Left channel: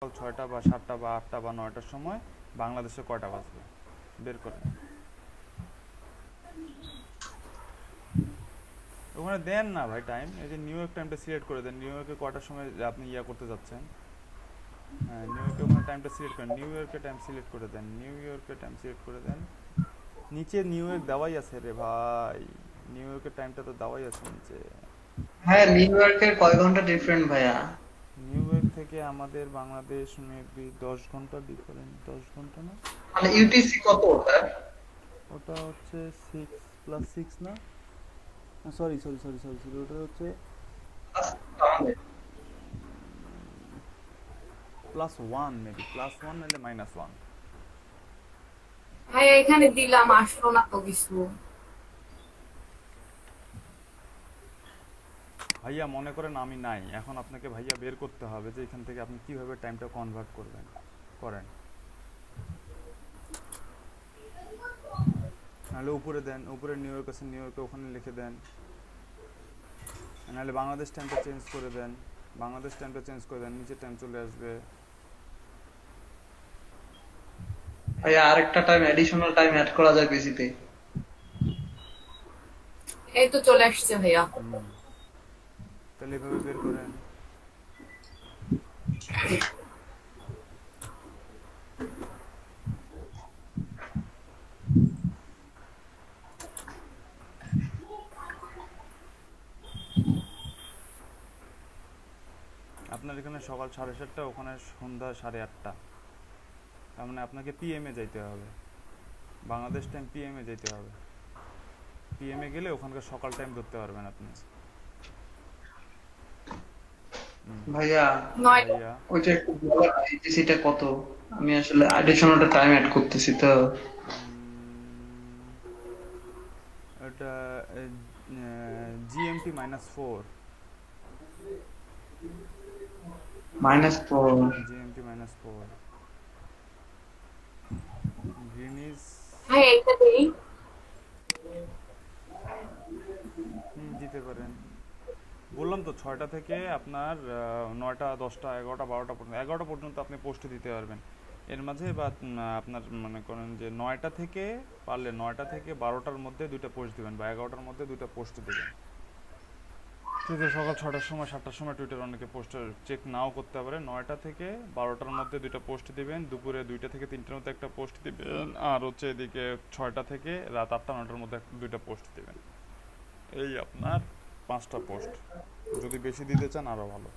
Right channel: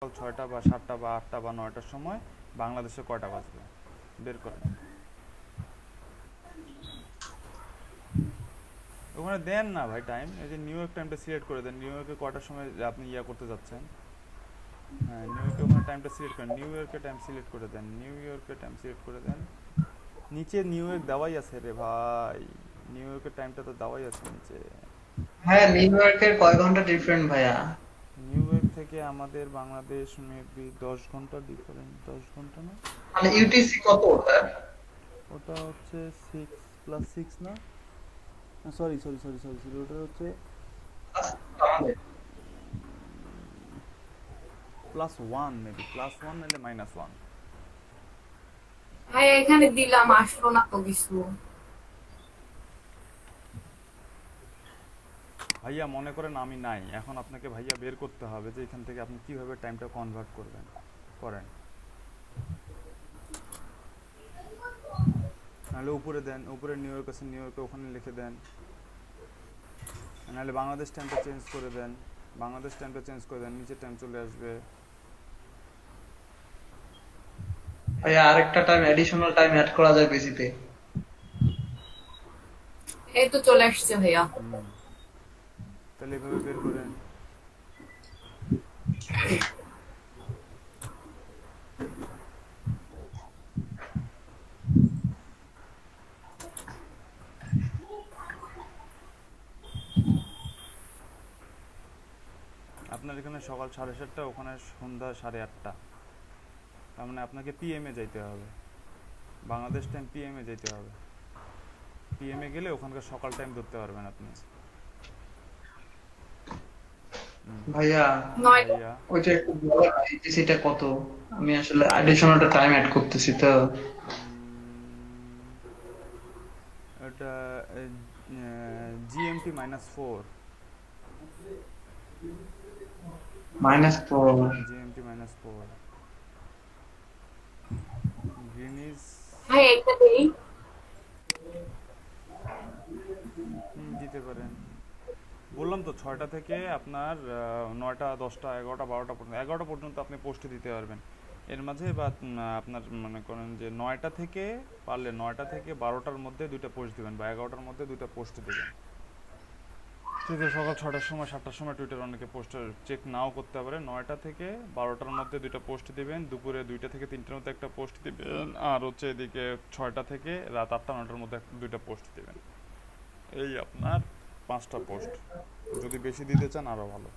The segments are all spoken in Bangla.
ছয়টা বা সাতটা বা আটটা বা নয়টার সময় বাংলাদেশে কয়টা বাজবে বের করেন। ওখানে দেন না ভাই টাইম, এই যে নিউ ইয়র্ক টাইমটা সিলেক্ট করে দেন। নিউ ইয়র্কে কয়টার সময় আপনি করতে যাচ্ছেন। হ্যাঁ, নিউ ইয়র্কে ওখানে টাইমটা সিলেক্ট করেন, নিউ ইয়র্কের টাইম সিলেক্ট করে দেন, নিউ ইয়র্কের টাইম সিলেক্ট করে দেন। নিচে নিউ ইয়র্ক দেওয়াই আছে রে ভাই, নিউ ইয়র্কের টাইমটা তো দেওয়াই আছে নিচে। হ্যাঁ, নিউ ইয়র্কের কয় ঘন্টা ডিফারেন্ট ভাইয়া? নিউ ইয়র্ক থেকে আমাদের বাংলাদেশ মেবি 10 ঘন্টা ডিফারেন্ট, 10 ঘন্টা না। মানে ইউটিসি কত ওটা? ওটা হচ্ছে 6 + 6 না, sorry sorry sorry sorry sorry, ওটা হচ্ছে আমাদের +1, মেবি +1 নাহলে -1। ভাই এখানে দিলাম আসলো না তো কিছু। ভাইয়া মনে করেন আমি নাই, এখন আপনাকে ভাইয়া বের করতে হবে যে এখান থেকে আপনি কিভাবে টাইমটা কনভার্ট করবেন, করেন। নাহলে উপরে দেন, উপরে নিউ ইয়র্ক আছে, নিউ ইয়র্কে ওখানে লিখে দেন। নাহলে বাংলাদেশ টাইমটা চেঞ্জ করে দেন, বাংলাদেশ টাইমটা চেঞ্জ করে দেন, নিচে টাইম চলে আসবে। ভাইয়া আরেকটা টাইম এডিশনাল টাইম অ্যাড করা যায় বেশিতে। এই তো চলে আসছে ভাইয়া। হুম, তাহলে এভাবে বের করেন। আপনার এখানে সকাল 7:30, ওখানে সন্ধ্যা 8:30। তার মানে আপনাকে পিএমে যাইতে হবে, বাংলাদেশ টাইম পিএমে যেতে হবে। পিএমে গেলে ওখানকার সকাল টাইম ধরতে পারবেন আপনি। ভাইয়া নয়। ভাইয়া ওইটা একটু ইউটিসিটা কত? আমি আসলে এডিশনাল টাইম অ্যাড করতেছি তো। ওটা জিএমটি -4, -4। GMT -4, Greenidge. ভাই এইটা দেই। দিতে পারেন। বললাম তো 6টা থেকে আপনার 9টা 10টা 11টা 12টা পর্যন্ত, 11টা পর্যন্ত আপনি পোস্ট দিতে পারবেন। এর মাঝে বা আপনার মনে করেন যে 9টা থেকে, পারলে 9টা থেকে 12টার মধ্যে দুইটা পোস্ট দিবেন, বা 11টার মধ্যে দুইটা পোস্ট দিবেন। টুইটার সকাল 6টার সময় 7টার সময় টুইটার অনেকে পোস্ট চেক নাও করতে পারে। 9টা থেকে 12টার মধ্যে দুইটা পোস্ট দিবেন, দুপুরে 2টা থেকে 3টার মধ্যে একটা পোস্ট দিবেন, আর হচ্ছে এদিকে 6টা থেকে রাত 8টা 9টার মধ্যে দুইটা পোস্ট দিবেন। এই আপনার 5টা পোস্ট। যদি বেশি দিতে চান আরও ভালো।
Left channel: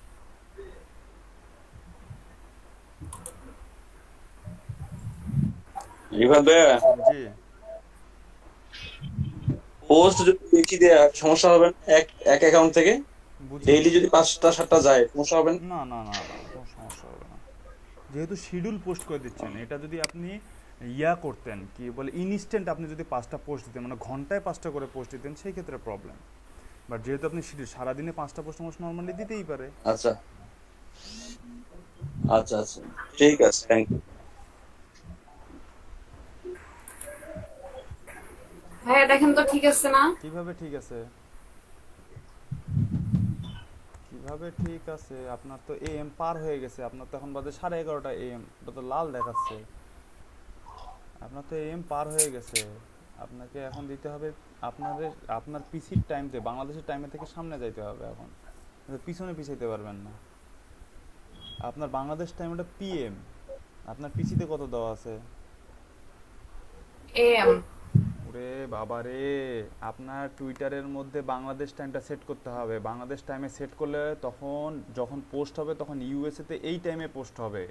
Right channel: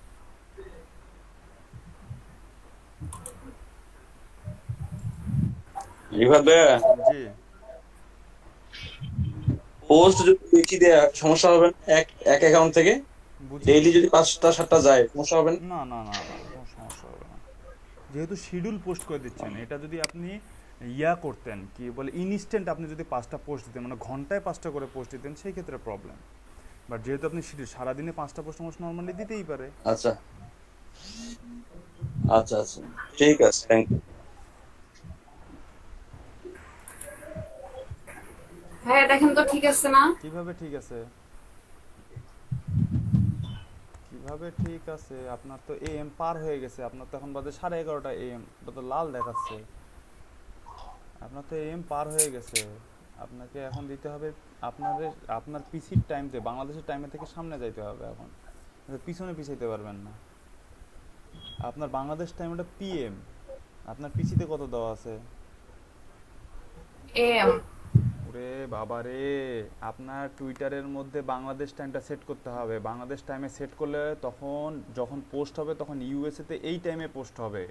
রিভার ভাইয়া, জি, পোস্ট যদি বেশি দেয়া সমস্যা হবে না? এক এক অ্যাকাউন্ট থেকে বুঝিনি। ডেইলি যদি 5টা 7টা যায় সমস্যা হবে না? না না না না, কোনো সমস্যা হবে না। যেহেতু শিডিউল পোস্ট করে দিচ্ছেন, এটা যদি আপনি করতেন কি বলে ইনস্ট্যান্ট, আপনি যদি 5টা পোস্ট দিতেন, মানে ঘন্টায় 5টা করে পোস্ট দিতেন, সেই ক্ষেত্রে প্রবলেম। বাট যেহেতু আপনি শিডিউল সারাদিনে 5টা পোস্ট মানুষ নর্মালি দিতেই পারে। আচ্ছা আচ্ছা আচ্ছা, ঠিক আছে, থ্যাংক ইউ। হ্যাঁ দেখেন তো ঠিক আছে না? কিভাবে ঠিক আছে, কিভাবে ঠিক আছে? আপনার তো এএম পার হয়ে গেছে, আপনার তো এখন বাজে 11:30 এএম, ওটা তো লাল দেখাচ্ছে। আপনার তো এএম পার হয়ে গেছে। আপনাকে এখন দিতে হবে আপনাদের, আপনার পিসির টাইমতে, বাংলাদেশের টাইমে থেকে সামনে যাইতে হবে এখন, পিছনে পিছাইতে পারবেন না। আপনার বাংলাদেশ টাইম ওটা পিএম, আপনার পিসিতে কত দেওয়া আছে? এম। ওরে বাবা রে, আপনার টুইটারের মধ্যে বাংলাদেশ টাইমটা সেট করতে হবে। বাংলাদেশ টাইমে সেট করলে তখন যখন পোস্ট হবে তখন ইউএসএতে এই টাইমে পোস্ট হবে।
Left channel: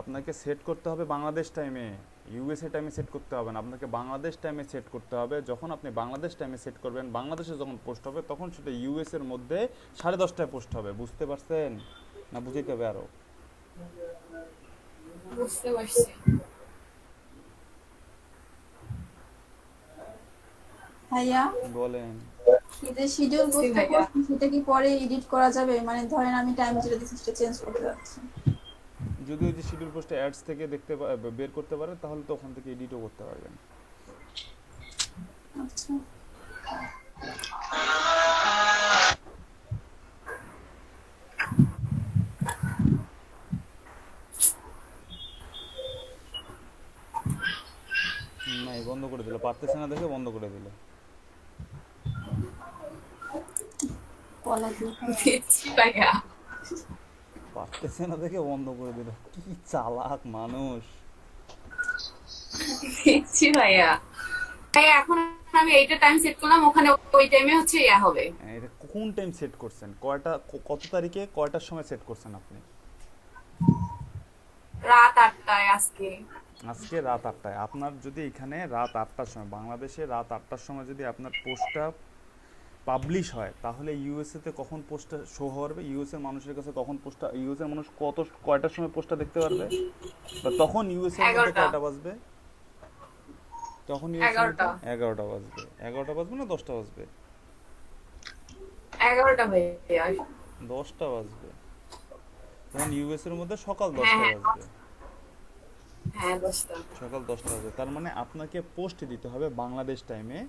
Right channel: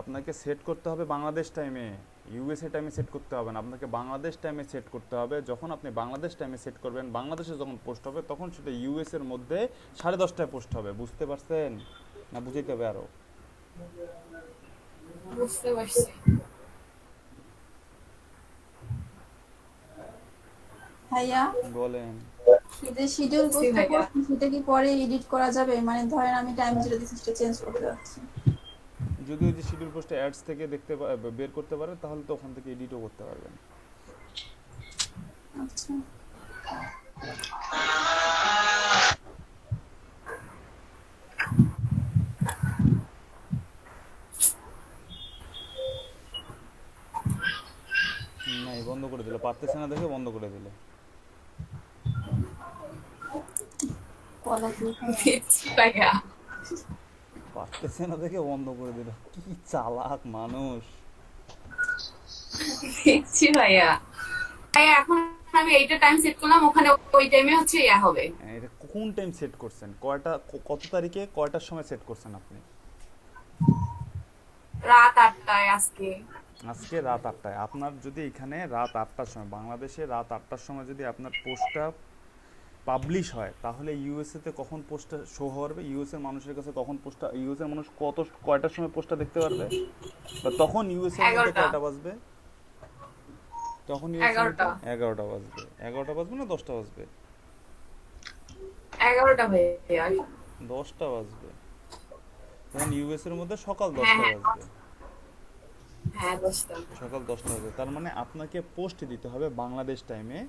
আপনাকে সেট করতে হবে বাংলাদেশ টাইমে, ইউএসএ টাইমে সেট করতে হবে না, আপনাকে বাংলাদেশ টাইমে সেট করতে হবে। যখন আপনি বাংলাদেশ টাইমে সেট করবেন, বাংলাদেশে যখন পোস্ট হবে তখন সেটা ইউএসএর মধ্যে 10:30টায় পোস্ট হবে। বুঝতে পারছেন না? বুঝাইতে হবে আরও। বুঝতে পারছি। ভাইয়া, বলেন। এই যে শিডিউল বুঝছি পোস্টটা ভাইয়া। করছি সেটা কি পরে এডিট করা যাবে? মানে ধরেন আমি টাইম যেটা দিচ্ছি সেটা চেঞ্জ করতে যাচ্ছি। যদি ওই যে শিডিউল পোস্টে অ্যাডস থেকে বের করতে পারেন, তাহলে তো ওখান থেকে এডিটও করতে পারবেন। আচ্ছা। বন্ধ করে দিল, পারতেছে না দেখে বন্ধ করে দিল। পড়াশোনা দিচ্ছি ভাইয়া, পারতেছে না দেখে বন্ধ করে দিল, কি চালাক মানুষ। দিচ্ছি ভাইয়া। ভাইয়া এখন আমি এইটা টাইম সেট করলাম, ওখানে ওই টাইমে হচ্ছে ইয়া হবে। এটা কোন টাইম সেট করছেন, কত তারিখে কয়টার সময় সেট করছেন আপনি? রাত 8টায় আজকে। আজকে রাত 8টায়। আপনার যদি এখানে রাত 8টার সময়, বাংলাদেশে রাত 8টার সময় যদি আপনার পোস্টটা পাবলিশ হয়, তাহলে ইউএসএ তে কখন পোস্টটা শো হবে, ইউএসএ মানুষের কাছে কখন পোস্টটা, ইউএসএ মানুষ কয়টার সময় পোস্টটা দেখতে পারবে, বা তখন ইউএসএ এর মধ্যে 11টা। কয়টা বাজবে? তখন ইউএসএ 11টা। 11টা বাজবে। 11টা বাজবে না 10টা বাজবে? 11টা ভাইয়া। 10টা বাজবে। তখন ইউএসএ এর মধ্যে সকাল হ্যাঁ 10টা হ্যাঁ বাজবে। হ্যাঁ 10টা। সকাল 10টা বাজবে। তার মানে আপনাকে পোস্ট দিতে হবে বাংলাদেশ টাইমে,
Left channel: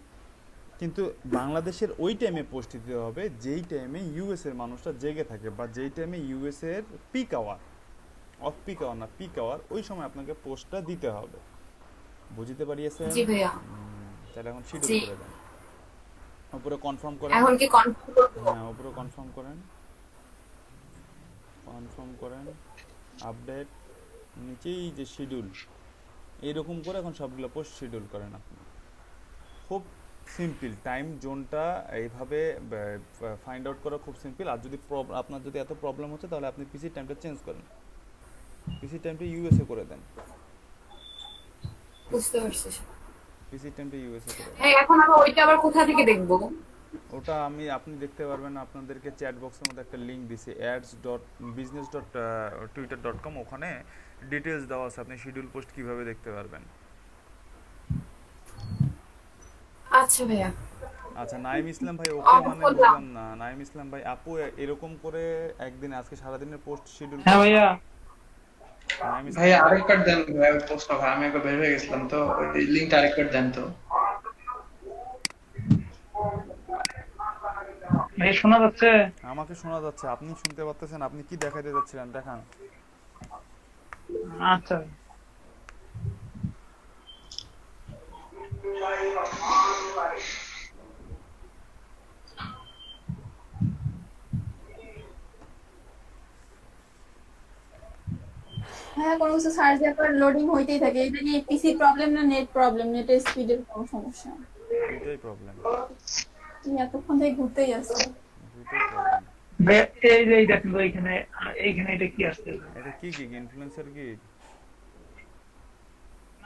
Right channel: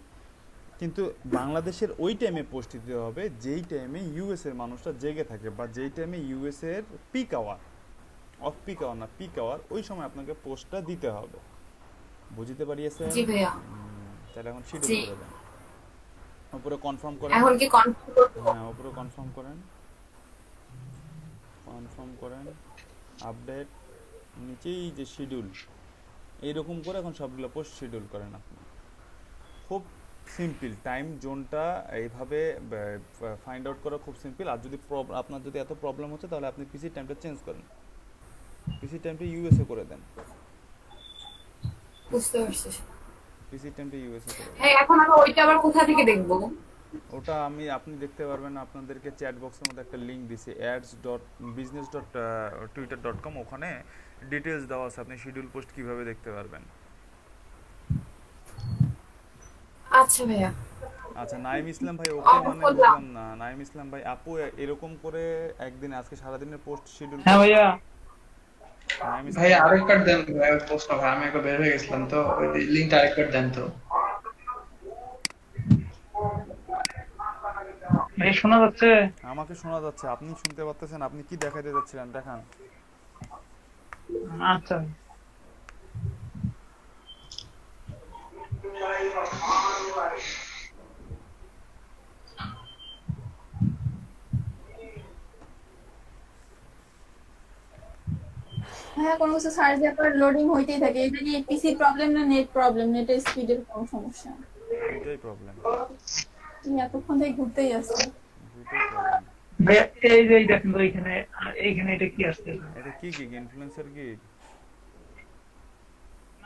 কিন্তু বাংলাদেশের ওই টাইমে পোস্ট দিতে হবে যেই টাইমে ইউএস এর মানুষটা জেগে থাকে, বা যেই টাইমে ইউএস এর peak hour, off peak hour না, পিক আওয়ার, ওই সময় আপনাকে পোস্টটা দিতে হবে। বুঝতে পারিয়েছেন? জি ভাইয়া। তাহলে এখন শিডিউল জি। করে দেন, উপরে কনফার্ম করেন। এখন কি কনফার্ম? হ্যাঁ, উপরে কনফার্ম করেন, কনফার্ম করেন, আপডেট, নিচেই যে শিডিউল, এইরকম করে এখন সবগুলো পোস্ট শিডিউল করেন আপনি। খুব সিম্পল, টাইম জোনটা এইভাবে ফাইন্ড আউট করা খুব সিম্পল। আর যদি আপনার যদি এত প্রবলেম হচ্ছে, তাহলে আপনি পিসি টাইমটা চেঞ্জ করেন, পিসি টাইমটা ইউএসএ করে দেন, বুঝতে পারছি। পিসি টাইমটা ইউএসএ করে দেন। হ্যাঁ এখন আমি ওইটা আবার কোথা থেকে দেখবো? ওটা আপনি দেখতে পারবেন, আপনাদেরকে চ্যাট বক্সের মধ্যে একটা লিংক দিছি, ads.business.twitter.com, ওখানে ডিটেলস দেওয়া আছে, আপনি শিডিউল পোস্ট কিভাবে দেখতে পারবেন। আচ্ছা ভাইয়া। আচ্ছা, নাইম ইসলাম ভাই, ওকে মানে বললাম। বুঝলাম না, নাইম ইসলাম ভাই, আপু এরকম করে একদিন আজকে সারাদিনের পোস্ট শিডিউল। হ্যাঁ ভাইয়া। নাইম ইসলাম ভাইয়া আরেকবার দেন পোস্ট ভাই, আমি একবার বের হয়ে গেছিলাম তো, ওই লিংকটা আরেকবার দেন তো। ভাই শোনা যাচ্ছে? আমাকে শোনা যাচ্ছে, আপনি শুনতে পাচ্ছেন? আপনি কি দেখাইতে যাচ্ছিলেন দেখান। আচ্ছা হ্যাঁ, কোনো কিছু সার্চ দেওয়ার পর লোডিং হইতেই থাকে। এটা কি পিসি প্রবলেম না নেট প্রবলেম? নেটের স্পিডের কোনো সমস্যা? দুইটাই প্রবলেম, কি এতক্ষণ থেকে ঘুরতেই আছে? দুইটাই প্রবলেম। ভাই, এই যে এই দেখেন তো, এইখানে এটা কি আসছে? এটা কি গিগ, ইনফ্লুয়েন্সার গিগ?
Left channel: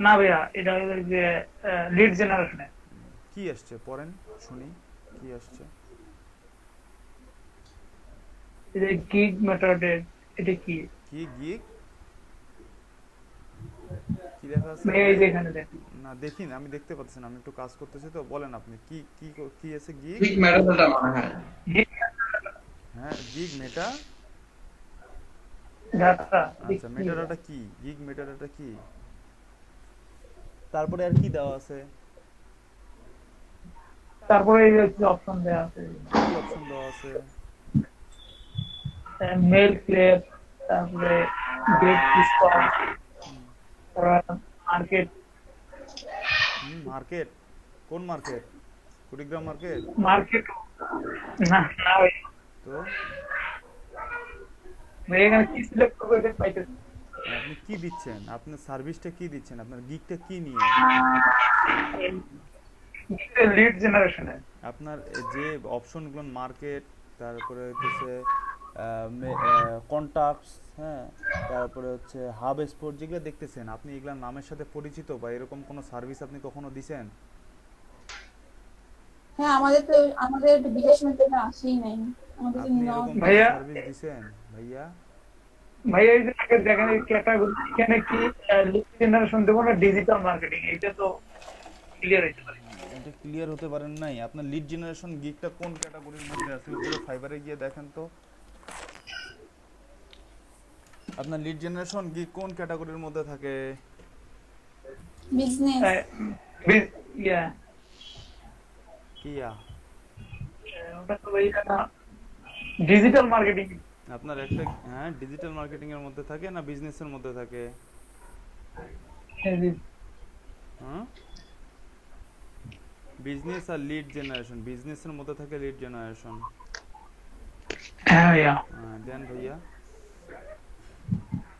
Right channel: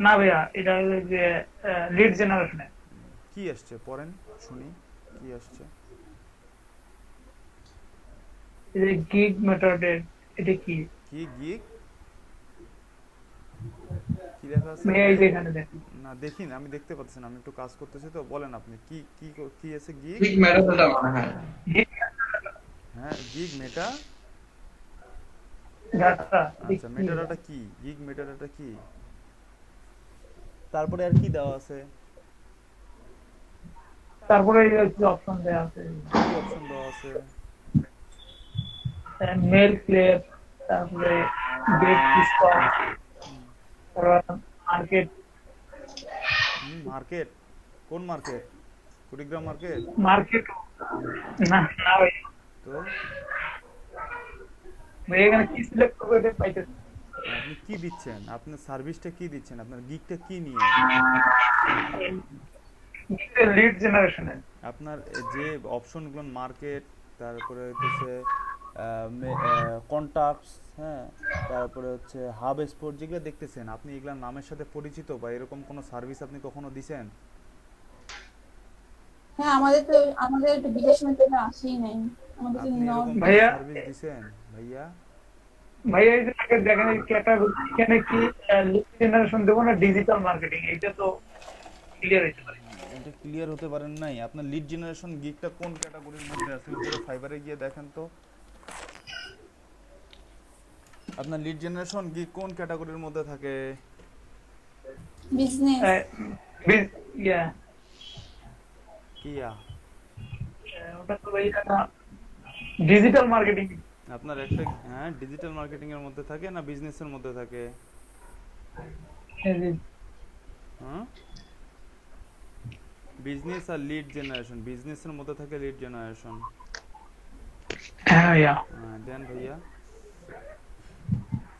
না ভাইয়া, এটা হলো যে লিড জেনারেশনে। কি আসছে পড়েন শুনি, কি আসছে? এই যে গিগ মেথডের, এটা কি? কি গিগ, কি লেখা আছে? ভাইয়া এই যে এখানে দেখেন। না দেখি না, আমি দেখতে পাচ্ছি না, আমি একটু কাজ করতেছি তো। বলেন আপনি কি কি কি আছে গিগ? ঠিক মেটাডাটা মনে হয়। হ্যাঁ, গিগ মেটা। ডাটা। আচ্ছা, মেটাডাটা কি? গিগ মেটাডাটা কি? তারপরে আর কি দেওয়া আছে? তারপরে এই যে অপশন দেওয়া আছে, কি অপশন দেওয়া আছে? মেল ক্লিয়ার, তারপরে ডেট স্টক, মার্কেট। মার্কেট? কোন মার্কেট? কুড়িগ্রাম মার্কেট? মার্কেট না না ভাই, তো ভাই এখানে কি সিলেক্ট করবে পাইতেছি। আপনি কি দিচ্ছেন, আপনার সার্ভিসটা কি দিচ্ছেন, আপনার গিগটা কি নিয়ে? লিড জেনারেশনে আপনার যে অপশনগুলো, মার্কেট, তারপরে হচ্ছে কন্টাক্টস, হ্যাঁ, তারপরে হচ্ছে হাব স্পোর্ট, যেগুলো দেখতেছেন আপনি, এগুলোর নামের সাথে পরিচিত বা এরকম কোনো সার্ভিস আপনি কখনো দিছেন? হ্যাঁ, আমাদের বিকাশ মেথডে আসেই নাই। আমাদের আপনি এরকম ভাইয়া। সার্ভিস দিছেন ভাইয়া? ভাইয়া এই যে দেখেন এই ক্যাটাগরি, এখানে কি লিড জেনারেশন দেবো না ডিজিটাল মার্কেটিং, এটা তো ক্লিয়ার হইতে পারে। এটা ক্লিয়ার হতে পারেন নাই। আপনার লিড জেনারেশন গিগটা কোন ক্যাটাগরির মধ্যে আছে? উপরে ফাইবারে গিয়ে দেখেন তো, আপনার লিড জেনারেশন গিগ কোন ক্যাটাগরির মধ্যে থাকে? বিজনেস। ইয়া কিয়া? ওটা তো ভাইয়া ডিজিটাল মার্কেটিং। আপনার একটা, হ্যাঁ, ডিজিটাল মার্কেটিং এর মধ্যে থাকে না বিজনেসের মধ্যে থাকে? হ্যাঁ, বিজনেস আর লিড জেনারেশন, বিজনেসের মধ্যে থাকে লিড জেনারেশন। হ্যাঁ ভাইয়া, দেন ভাইয়া।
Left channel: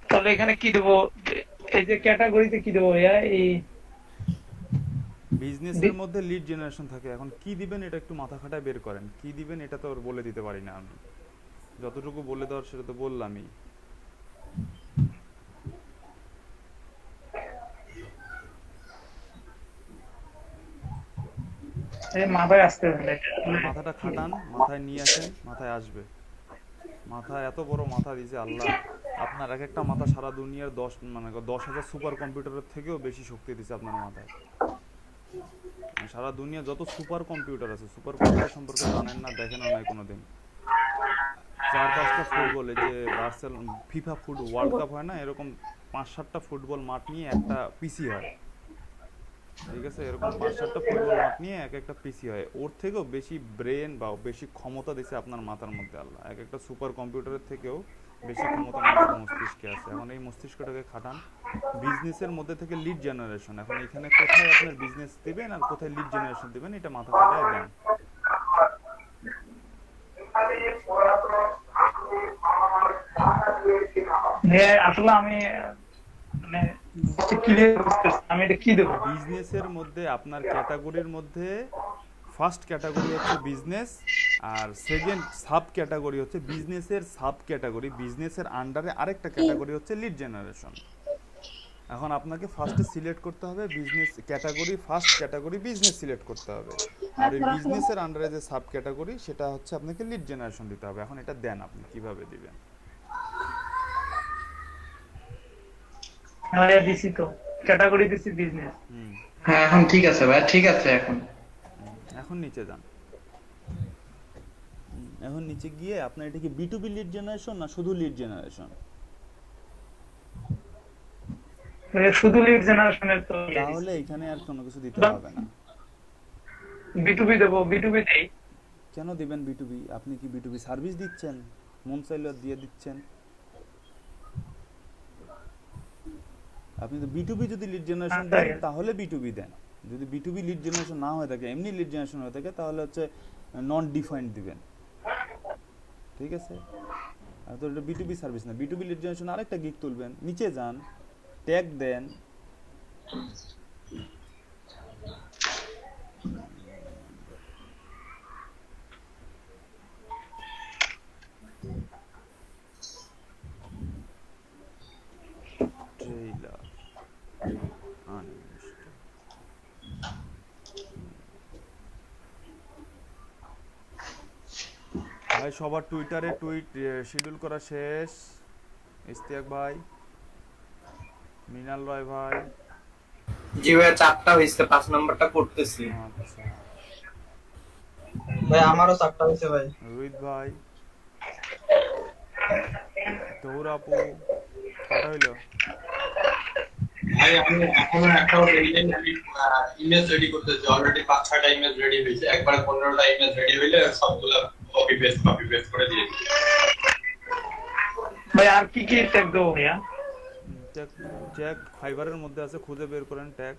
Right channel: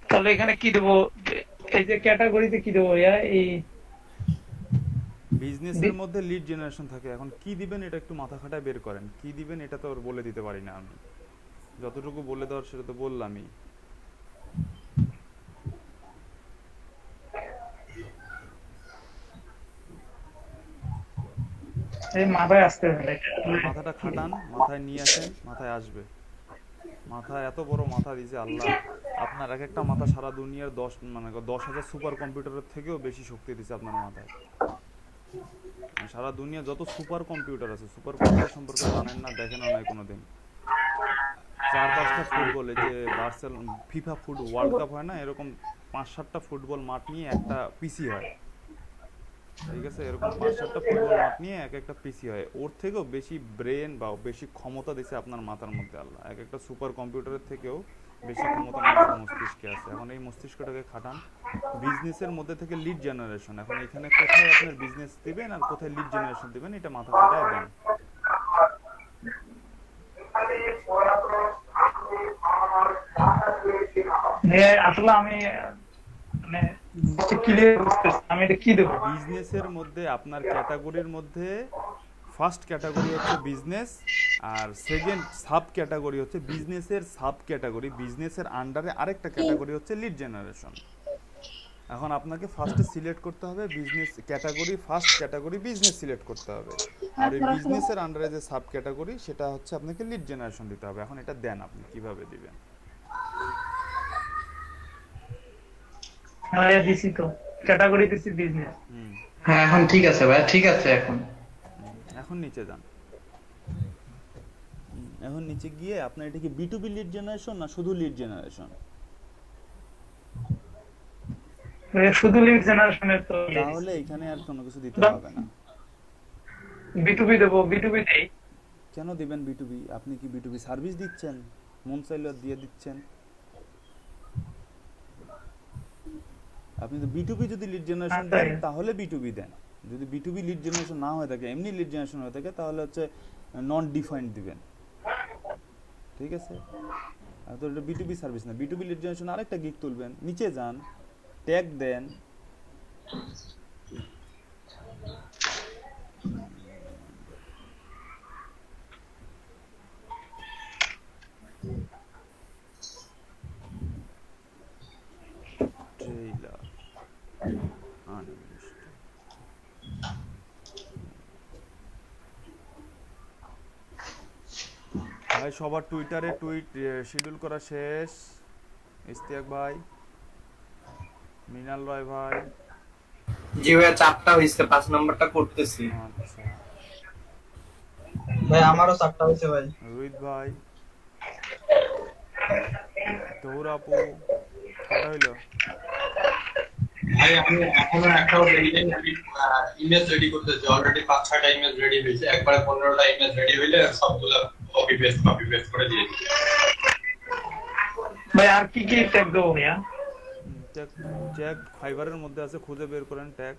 তাহলে এখানে কি দেবো? এই যে ক্যাটাগরিতে কি দেবো ভাইয়া? এই বিজনেসের মধ্যে লিড জেনারেশন থাকে, এখন কি দিবেন এটা একটু মাথা খাটায় বের করেন, কি দিবেন এটা তো আর বলে দিতে পারি না আমি, যতটুকু বলে দেওয়ার সেটা তো বললামই। এই মাথায় আসতে হবে। মাথাটা খাটান, মাথায় নিয়ে আসেন, মাথায় আসবে। মাথায় এত বড় মাথা দিয়েছে আল্লাহ, আপনার এক একটা মাথা সারা দুনিয়ার 10,000 সুপার কম্পিউটারের থেকেও বেশি শক্তি দিয়েছে আপনার মাথায়। সারা দুনিয়া যত সুপার কম্পিউটার আছে, সুপার কম্পিউটার সম্পর্কে জানেন না, দেখেন নাই কোনোদিন। 4-5টা ফুটবল, এই যে ফিফা ওয়ার্ল্ড কাপ হয় না, এরকম 5-7টা ফুটবল মাঠ নিয়ে একটা পিসি হয়, ঠিক আছে? এরকম 5-7টা ফুটবল মাঠ নিয়ে এক একটা পিসি হয়, ওর থেকেও বেশি ব্রেন বা বেশি ক্ষমতা দিছে আপনার মাথার মধ্যে আল্লাহ। এক একটা সুপার কম্পিউটারের থেকেও বেশি ক্ষমতা মানুষের মস্তিষ্কে আছে। এখন এই মস্তিষ্কটাকে খাটান। বিজনেসের মধ্যে থেকে লিড জেনারেশন, এখন এখানে কোথায় আপনার বিজনেস দিবেন আর কোথায় লিড জেনারেশন দিবেন এটা মাথা খাটায় দেন। আসলে আমি মানে ক্লিয়ার বুঝতেছি আমি এটা কি দেবো। বিজনেসের মধ্যে আপনার ক্যাটাগরির মধ্যে ফার্স্ট ক্যাটাগরি হচ্ছে বিজনেস, আর সেকেন্ড সাব ক্যাটাগরি হচ্ছে বিজনেসের সাব ক্যাটাগরি, বিজনেসের আন্ডারে আরেকটা ক্যাটাগরি হচ্ছে লিড জেনারেশন। এখন আপনাকে ফার্স্টে সিলেক্ট করতে হবে business category, first category business select করতে হবে, আর ওই বিজনেসের আন্ডারে যে সাব ক্যাটাগরি সেটা হচ্ছে আপনাকে লিড জেনারেশন দিতে হবে। এখন এটা দেন, আপনি কিভাবে দিবেন? হ্যাঁ দিছি তো, ক্যাটাগরি দিছি বিজনেস। হ্যাঁ এখন ঠিক আছে ভাই, ঠিক আছে এখন। এখন নিচে যান। এখন নিচে গিয়ে আপনার এটা কি B2B লিড জেনারেশন না শুধু লিড জেনারেশন? শুধু লিড জেনারেশনের তো তাহলে এখানে আর কোনো কিছু দিতে হবে না। B2B দেবো, B2B দেই। কেন দিবেন B2B? আপনি কি B2B সার্ভিস দিচ্ছেন? মন চাইলে দিয়ে দিচ্ছেন। আপনি তো B2B যদি লিড জেনারেশন দেন তাহলে B2B দেন। যদি B2B লিড জেনারেশন না হয়ে থাকে, এমনি লিড জেনারেশন হয়ে থাকে, তাহলে হচ্ছে নন ডিফাইন্ড দিবেন, ঠিক আছে? আর তো এটা B2B সার্ভিস না। B2B লিড জেনারেশন আরেকটা গিগ তুলবেন, নিচে যান, ট্যাগ দেন, ট্রেইলার আনলিস্টেড। ভাই সবার টুইটারে টুইট শিডিউল করা শেষ? ইস্তিয়াক ভাই, মিনাল রয় ভাই। জি ভাই, 4টা হয়েছে, 5 নম্বরটা করতেছি। আচ্ছা ভাই আমারও 4টা হয়েছে ভাই। রোহিত ভাই, তৌর আপু, কটা হইলো? ভাই আমি এখনো একটাও রেডি নেই, আমি ইমেজ রেডি করতেছি। অলরেডি 5-6টা ইমেজ রেডি হয়েছে, একবারে 15টা ইমেজ রেডি হইলে সবগুলো কপি পেস্ট করে দিয়ে দিই। ভাই আর কি কি ট্যাগ দেবো ভাইয়া? ট্যাগ ফাইবারের মধ্যে আছে, খুঁজে বের করেন ট্যাগ।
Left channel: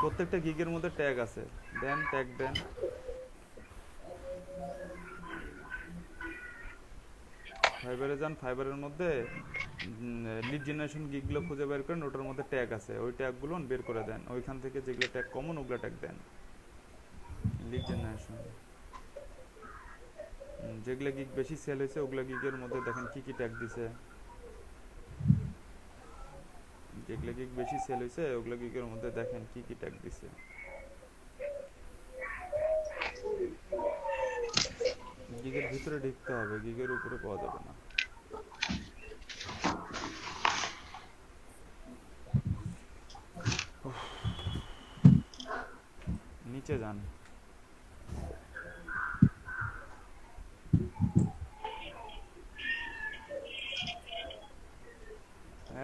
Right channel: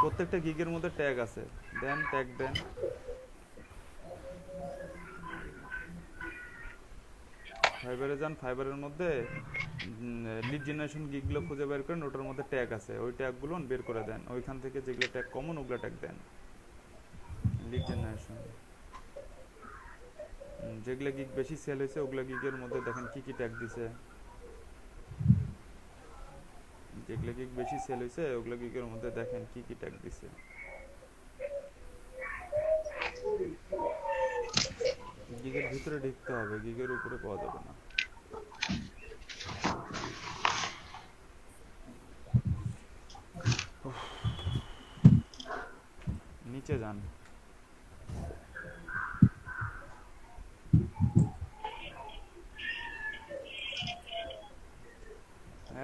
প্রত্যেকটা গিগের মধ্যে ট্যাগ আছে, দেন ট্যাগ দেন। ফাইবারে যান, ফাইবারের মধ্যে লিড জেনারেশন গিগগুলো খুঁজে বের করেন, ওটার মধ্যে ট্যাগ আছে, ওই ট্যাগগুলো বের করে দেন। ওইখান থেকে যেগুলো ট্যাগ কমন ওগুলো ট্যাগ দেন। লিড জেনারেশন যেগুলো গিগ বেশি সেল হয়েছে ওগুলো গিগের মধ্যে দেখেন কি কি ট্যাগ দিছে। যেগুলো গিগ বেশি সেল হয়েছে ওগুলো গিগের মধ্যে দেখেন কি কি ট্যাগ দিছে। গিগের ভিতরে ঢুকতে হবে, গিগের উপরে পাওয়া যাবে না। নিচে যান,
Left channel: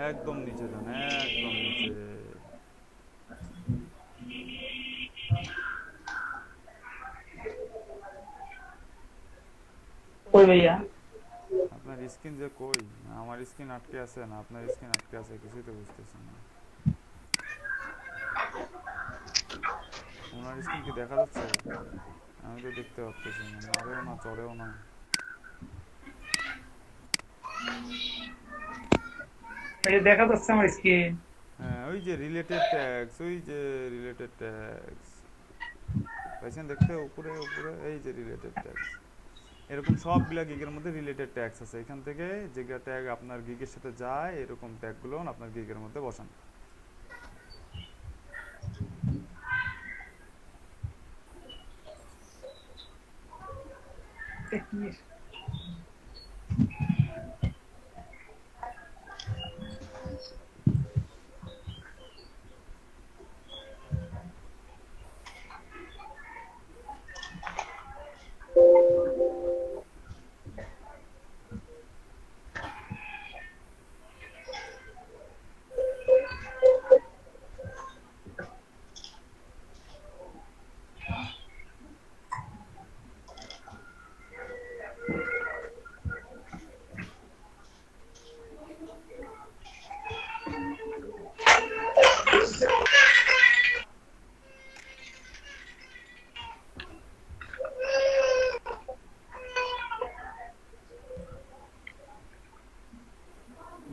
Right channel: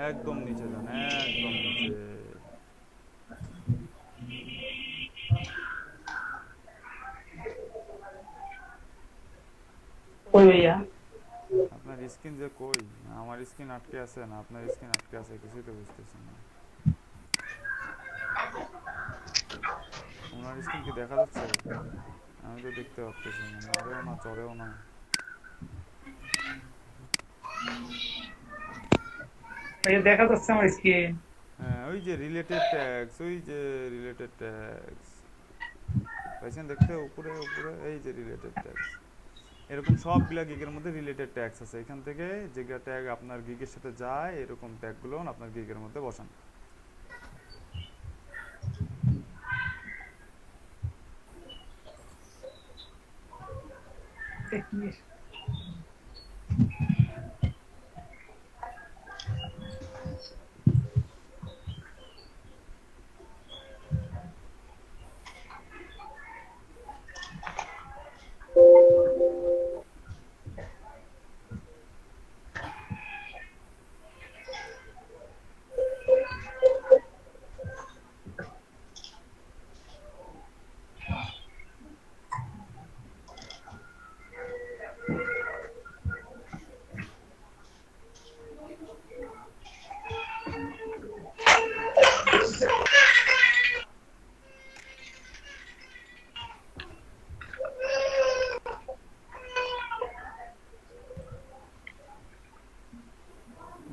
একদম নিচে যান, একদম নিচে। কই ভাইয়া? আপনার স্ক্রিন যে কই? আমার স্ক্রিন আটকে আছে না আপনার স্ক্রিন আটকে আছে, কিছুই তো বুঝতেছি না। আমার স্ক্রিন কি দেখা যাচ্ছে? আমি তো দেখতে পাচ্ছি না, নড়েও না চড়েও না। এই যে দেখা যাচ্ছে আমার স্ক্রিন। হ্যাঁ ওই যে রিলেটেড ট্যাগস, ওই যে রিলেটেড ট্যাগস পাইছেন দেখতে উপরে উপরে, এই যে রিলেটেড ট্যাগস, এরকম সবগুলা গিগের মধ্যে রিলেটেড ট্যাগস আছে। এখান থেকে যেগুলা ট্যাগ আপনার গিগের সাথে যায় এরকম ট্যাগগুলো আপনার গিগের মধ্যে বসান।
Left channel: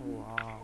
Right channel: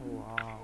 ওয়াও,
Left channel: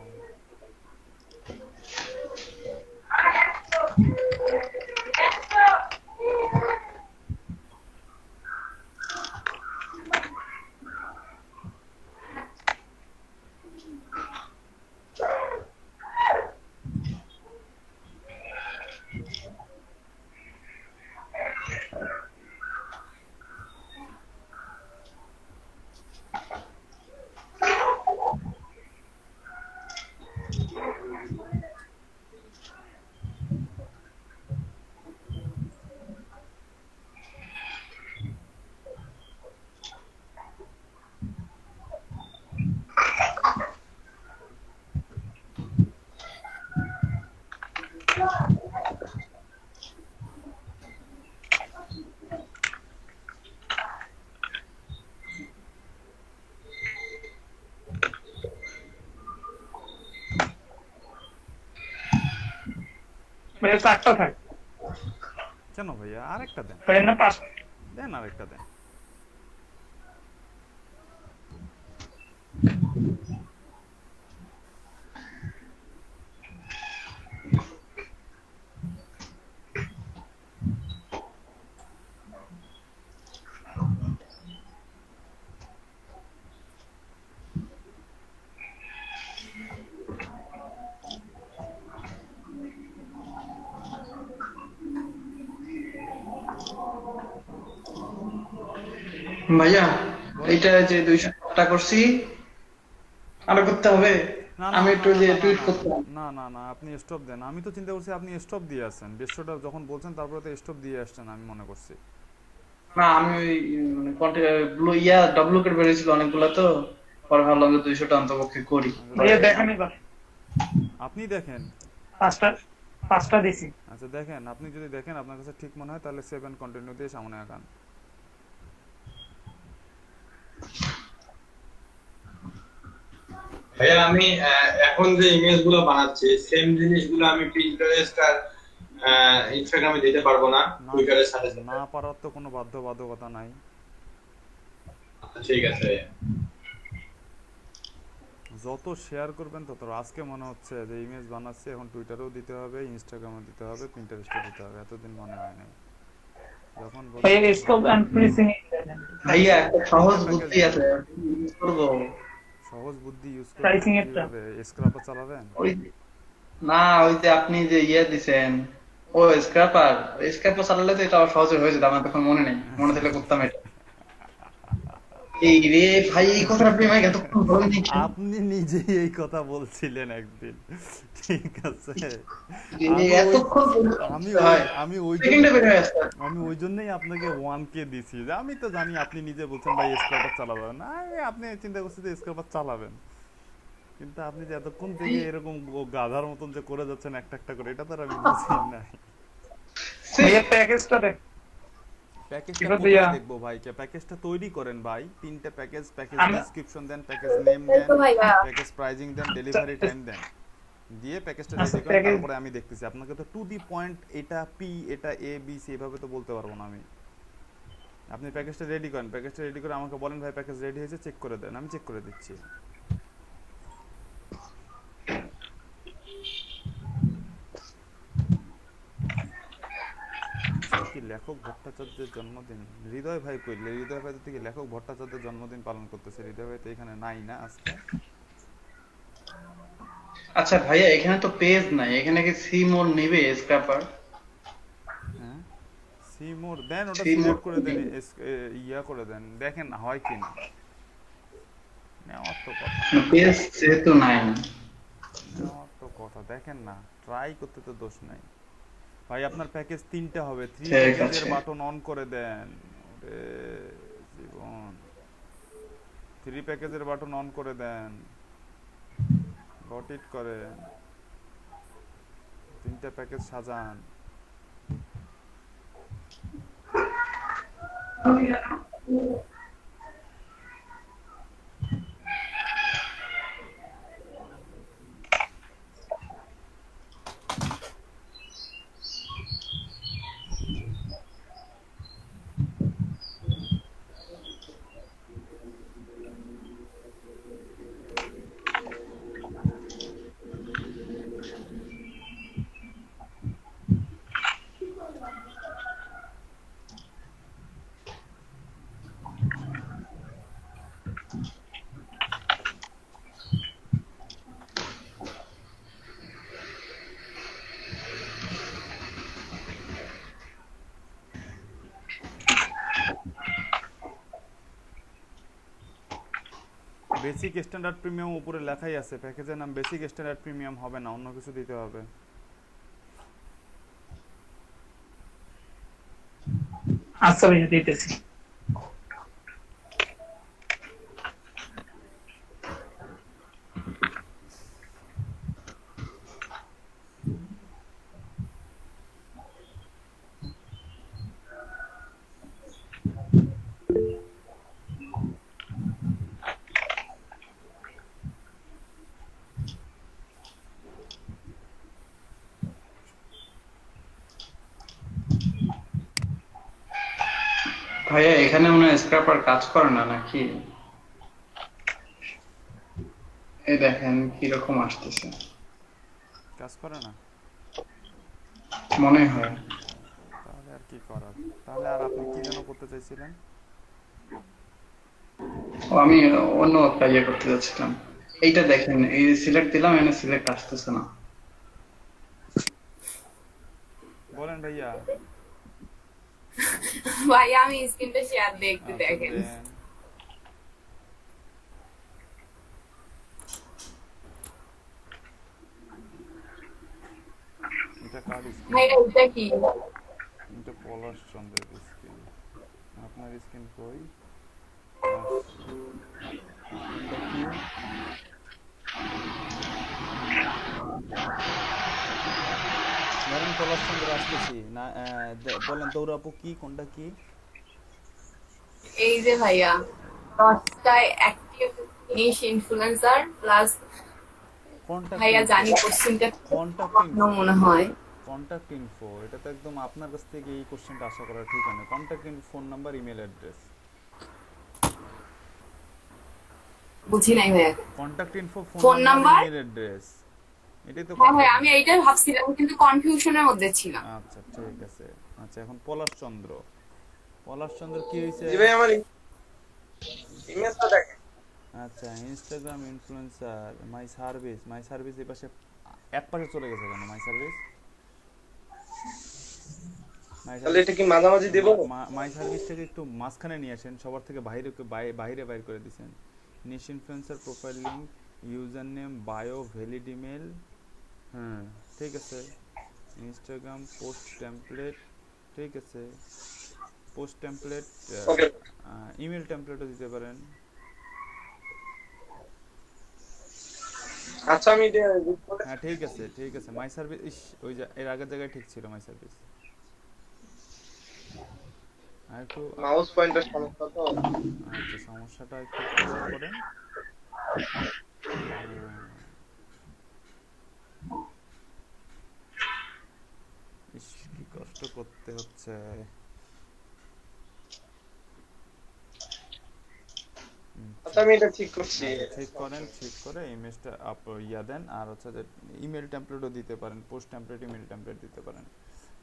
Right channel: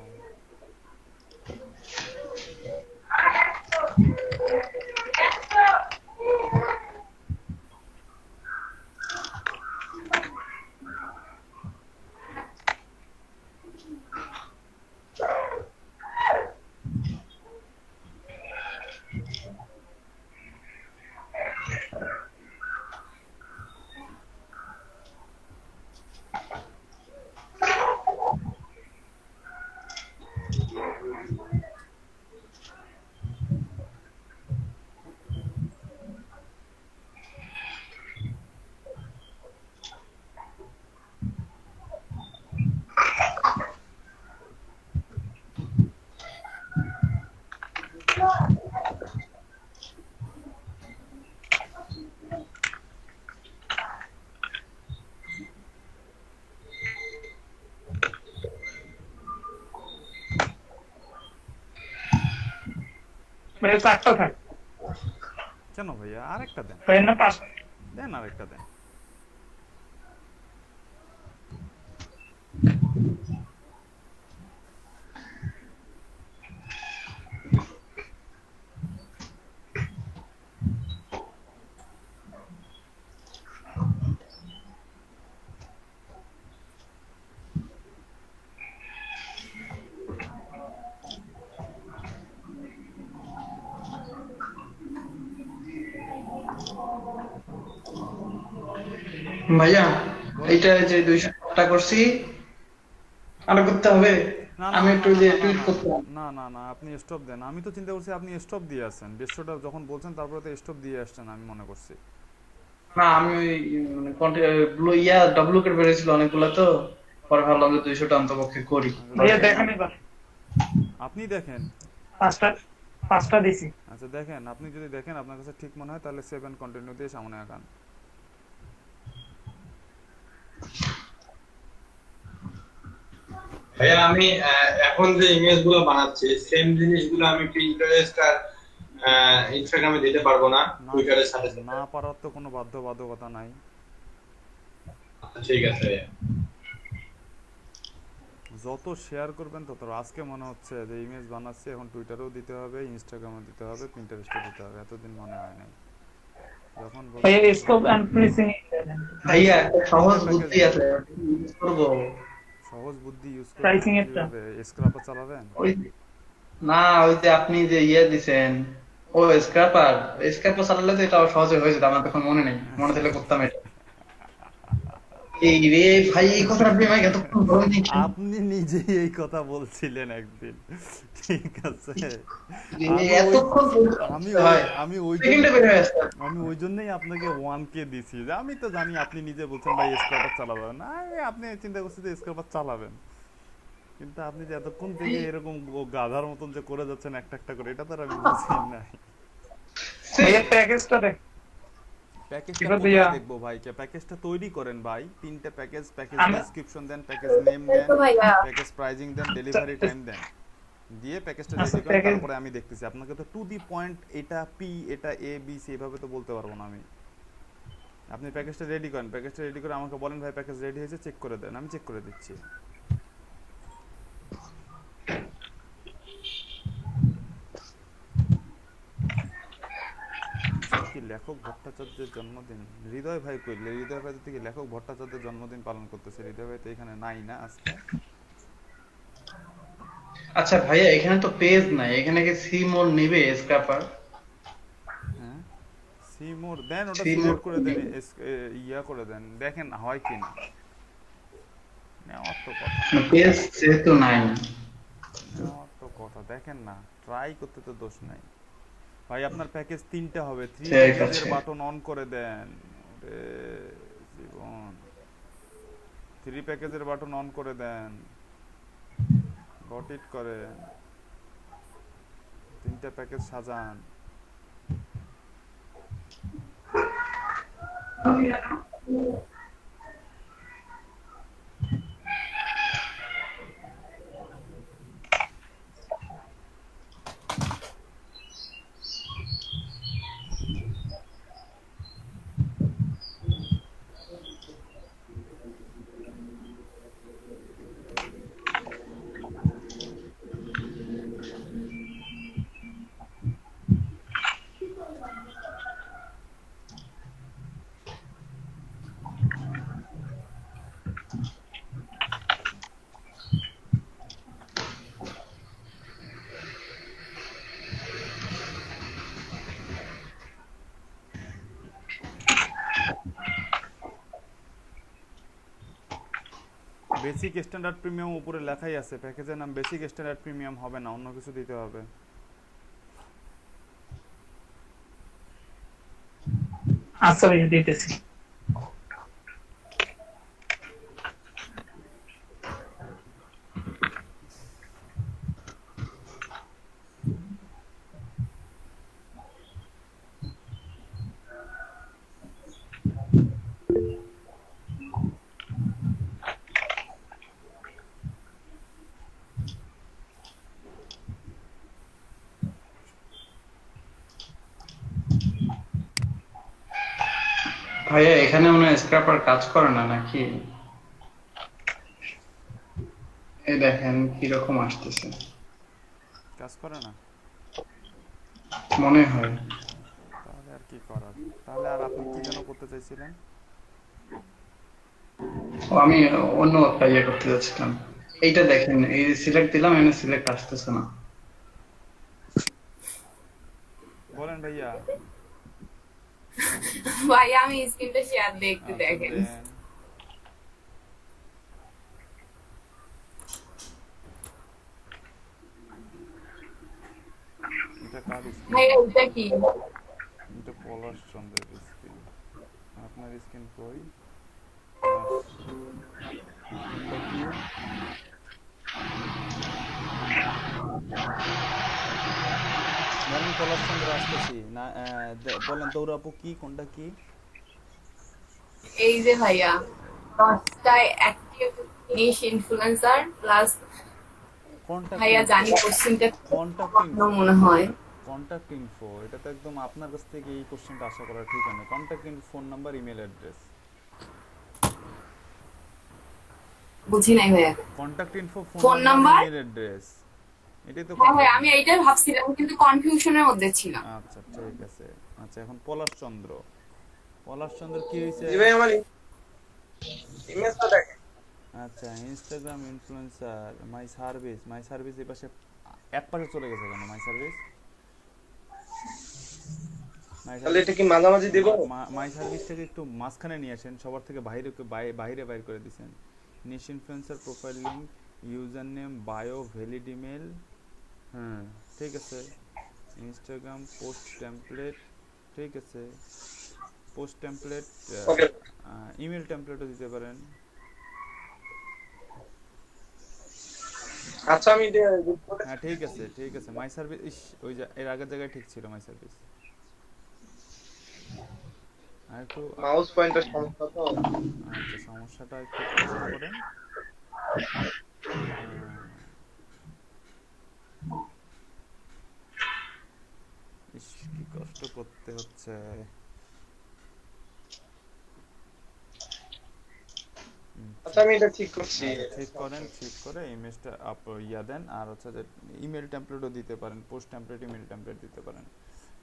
ভাইয়া 4টা থাক, কেন ভাইয়া আরেকটা দেন, ভাইয়া না 5। দেন আরেকটা দেন। ভাইয়া এটা যে 200 টাকা করছি আরো করতে হবে? না না আমি না একটু না যে না টুইট না, করতাম। না না না আপনি স্টপ দেন। আমি তো চিন্তা করছি আপনি স্টপ দিয়ে আসছেন, 150টা যখন বলছেন তারপরে তো স্টপ দিয়ে আসছেন আমি মনে করছি। না আমি ওই মানে ব্লু ইয়া ডব্লুকেট বেরিয়েছিল অনেকগুলা, তো পরে ভাবলাম যে 200 টা অন্তপক্ষে করি। ভাইয়া দেখেন এবার আপনি দেখেন। 5টা দিছি। আচ্ছা দেখেন, আপনি যদি দেখেন আপনার কাছে ঠিক মনে হয় তাহলে 7 কন্টিনিউ দিয়ে সামনে আগান। ভাইয়া আমি এখন যে ইমেজ গুলো বানাচ্ছি সেম জিনিসগুলো আমি পিন্টারেস্ট আর ইনস্টাগ্রামে দিতে পারবো না, টুইটারের সাথে সাথে? না পারার তো কোনো বাধ্যবাধকতা নাই। ঠিক আছে ভাইয়া। যত শেয়ার করবেন তত, আজকে মনে হচ্ছে যে ইমেজ বানাচ্ছি এখন টুইটারেও দিতে হবে, ইনস্টাগ্রামে দিতে হবে, পিন্টারেস্টে দিতে হবে, এতদিন মনে হয় নাই। যখন ভাইয়া স্কোপ এন্ড প্রিসিং ভাইয়া একটা সহজ বুদ্ধি আছে, ইউজ করব। সহজ বুদ্ধি ইউজ করে Pricing একটা। কিভাবে স্ক্র্যাপার চালাবেন? ওই না, ওই যে আপনি যে ইয়ে দিছেন ও স্ক্র্যাপার চালালে তো এটা সহজে হয়ে যেত। আমার তখন মনে নেই, মনে থাকলে করতাম এটা। এই রে ভাই, এই কথাটা আপনি আমাকে এতক্ষণ বলেন নাই কেন? আপনি নিজেই এই কথা বলছিলেন একদিন, ঠিক আছে? এতক্ষণ আমি ভাই, আমি ওই সেকেন্ডে বের হয়ে আসছে। আমি ওই জন্যই আপনাকে 1K দিছি, যে আমি তো জানি আপনি নিজে বলছেন ভাই স্ক্র্যাপার চালাবেন না, আপনি চিন্তা করছেন যে স্ক্র্যাপার চালাবেন, কিন্তু আপনি যে এতক্ষণ থেকে এরকম গাধার মতন যে করে যাচ্ছেন একটা একটা করে, এটা তো আর আমি বুঝি নাই। ভাইয়া প্যাকেজটা দেখ। প্যাকেজটা ঠিক আছে কোথায় ভাইয়া। দেখবো ভাই? প্যাকেজটা তৈরি করেন ভাই, 3টে প্যাকেজ আমি- ডেসক্রিপশন দেন, প্যাকেজ নেম দেন, তো ভাইয়া প্যাকেজ প্রাইজিং দেন, ডেলিভারি টাইম দেন। দিয়ে প্যাকেজটা আচ্ছা, রেডি করেন, package- তারপরে আমি দেখতেছি। আপনাকে তো টু দি পয়েন্ট এটা পি এটা এ বি সি এভাবে তো বলতে পারবো না আমি। আপনি প্যাকেজটা রেডি করেন, প্যাকেজটা রেডি করে আমাকে বলেন ভাই প্যাকেজ রেডি হয়েছে, চেক করে দেন, আমি চেক করে দিচ্ছি। কি লেখক ভট্টাচার্যের জন্মদিন? হৃদয় ভাই কইলে, হৃদয় ভাই থেকে লেখক ভট্টাচার্যের জন্মদিন পালন করতেছে। হৃদয় ভাই তো এখানে নাই না আজকে। আচ্ছা ভাইয়া, এখানে তো পেজ নাই, এখানে কি সি মোর নিবে স্ক্র্যাপার? হ্যাঁ সি মোর দেন, ওটা See more সিলেক্ট করে দেন, ইয়া করে দেন, দেখেন হয় কি না। নেওয়ার তো কথা, পেজ যেহেতু নাই। নেওয়ার তো কথা, দেখেন না, ট্রাই করতে তো দোষ নাই। ভাই আপনার প্যাকেজ 3টা হবে, 3 ঠিক প্যাকেজের আছে। বাটন অন করে দেন। ওরে জীবন, 3 প্যাকেজের বাটন অন করে দেন, গট ইট করেন, 3টা প্যাকেজ সাজান। বেসিক স্ট্যান্ডার্ড প্রিমিয়াম উপরে লেখাই আছে, প্যাকেজের নাম বেসিক স্ট্যান্ডার্ড প্রিমিয়াম হবে না, অন্য কিছু দিতে হবে। আচ্ছা ভাইয়া দিতেছি। ভাইয়া এখানে মনে হয় স্ক্র্যাপার কাজ করে না নাকি? এই দেখেন কিরকম আসতেছে, কাজ করে না? মনে হয়। তাহলে আর কি করার, তাহলে আর আপনি কি যেন করতে চাইছিলেন? ও আমি অন্য একটা ইয়ে করতে যাচ্ছিলাম। এইটা দেখেন, এই সিলেক্ট দিলাম, এনে সিলেক্ট আসতেছে না। বলেন ভাইয়া। ভাই আমি স্ক্রিনটা শেয়ার দিয়ে একটু আচ্ছা, দেখেন। দেন। এটা কার স্ক্রিন? ভাই এটা কি? এটা পলাশ চন্দ্রের স্ক্রিন। আপনার স্ক্রিন কই? স্ক্রিনটা কি? ধরেন পলাশ চন্দ্র আসতেছি না, বলেন দৌড়াপু কি, কোনটা কি? এই যে ভাইয়া 10টায় অ্যাক্টিভ ফিনিশ ইনফ্লুয়েন্সার প্লাস ভাইয়া জানি কোশ্চেনটা কন্টাক্ট মনে হয় কন্টাক্ট ইনফো, এটা তো একদম আপনার কাছ থেকে এই কোশ্চেনটা আশা করা ঠিক হয় না। Contact info, phone number, email address. বুঝি নাই ভাইয়া। Contact info, phone phone number, number? Email address, এটাই তো হ্যাঁ ভাই contact আমি info। এইটাই ভাবছিলাম কিন্তু কনফিউশনের মধ্যে ছিলাম। আচ্ছা ঠিক আছে। আচ্ছা এখন পলাশ চন্দ্র, পলাশ চন্দ্র কি হয়েছে? জি ভাই আমার ইমেজটা দেখেন। আচ্ছা Instagram influencer, my service, my service এই পাশে এক পাশে চলে গেছে কেন? মাই সার্ভিস, তাহলে এটা কি মাঝামাঝি দেব? মাই সার্ভিসটাকে একটু মাঝখানে নিয়ে আসেন, সবার থেকে বাইরে বাইরে বাইর করে দিয়েছেন। Niche influencer, profile link, user name, bio, valid email. হ্যাঁ ঠিক আছে। ইনস্টাগ্রাম পোস্ট টেমপ্লেট, ঠিক আছে। পোস্ট টেমপ্লেট, ওকে ইমেল টেমপ্লেটও দিতে পারেন। আচ্ছা আমি এটা হ্যাঁ ঠিক আছে ঠিক আছে। মাই সার্ভিস, ওই যে এর আগের জায়গায় ঠিক ছিল মাই সার্ভিস। আর একটু মাউস পয়েন্টার সমস্যা তো। আচ্ছা সমস্যাটা একটু কষ্ট করেন। তো করতে হচ্ছে। আচ্ছা আমি এটা ঠিক করছি। ঠিক করেন, ঠিক করে ইমেজটা ইয়া দেন। আর হচ্ছে যে ইমেল টেমপ্লেটও দিতে পারেন, পোস্ট টেমপ্লেট, ইমেল টেমপ্লেট দিতে পারেন।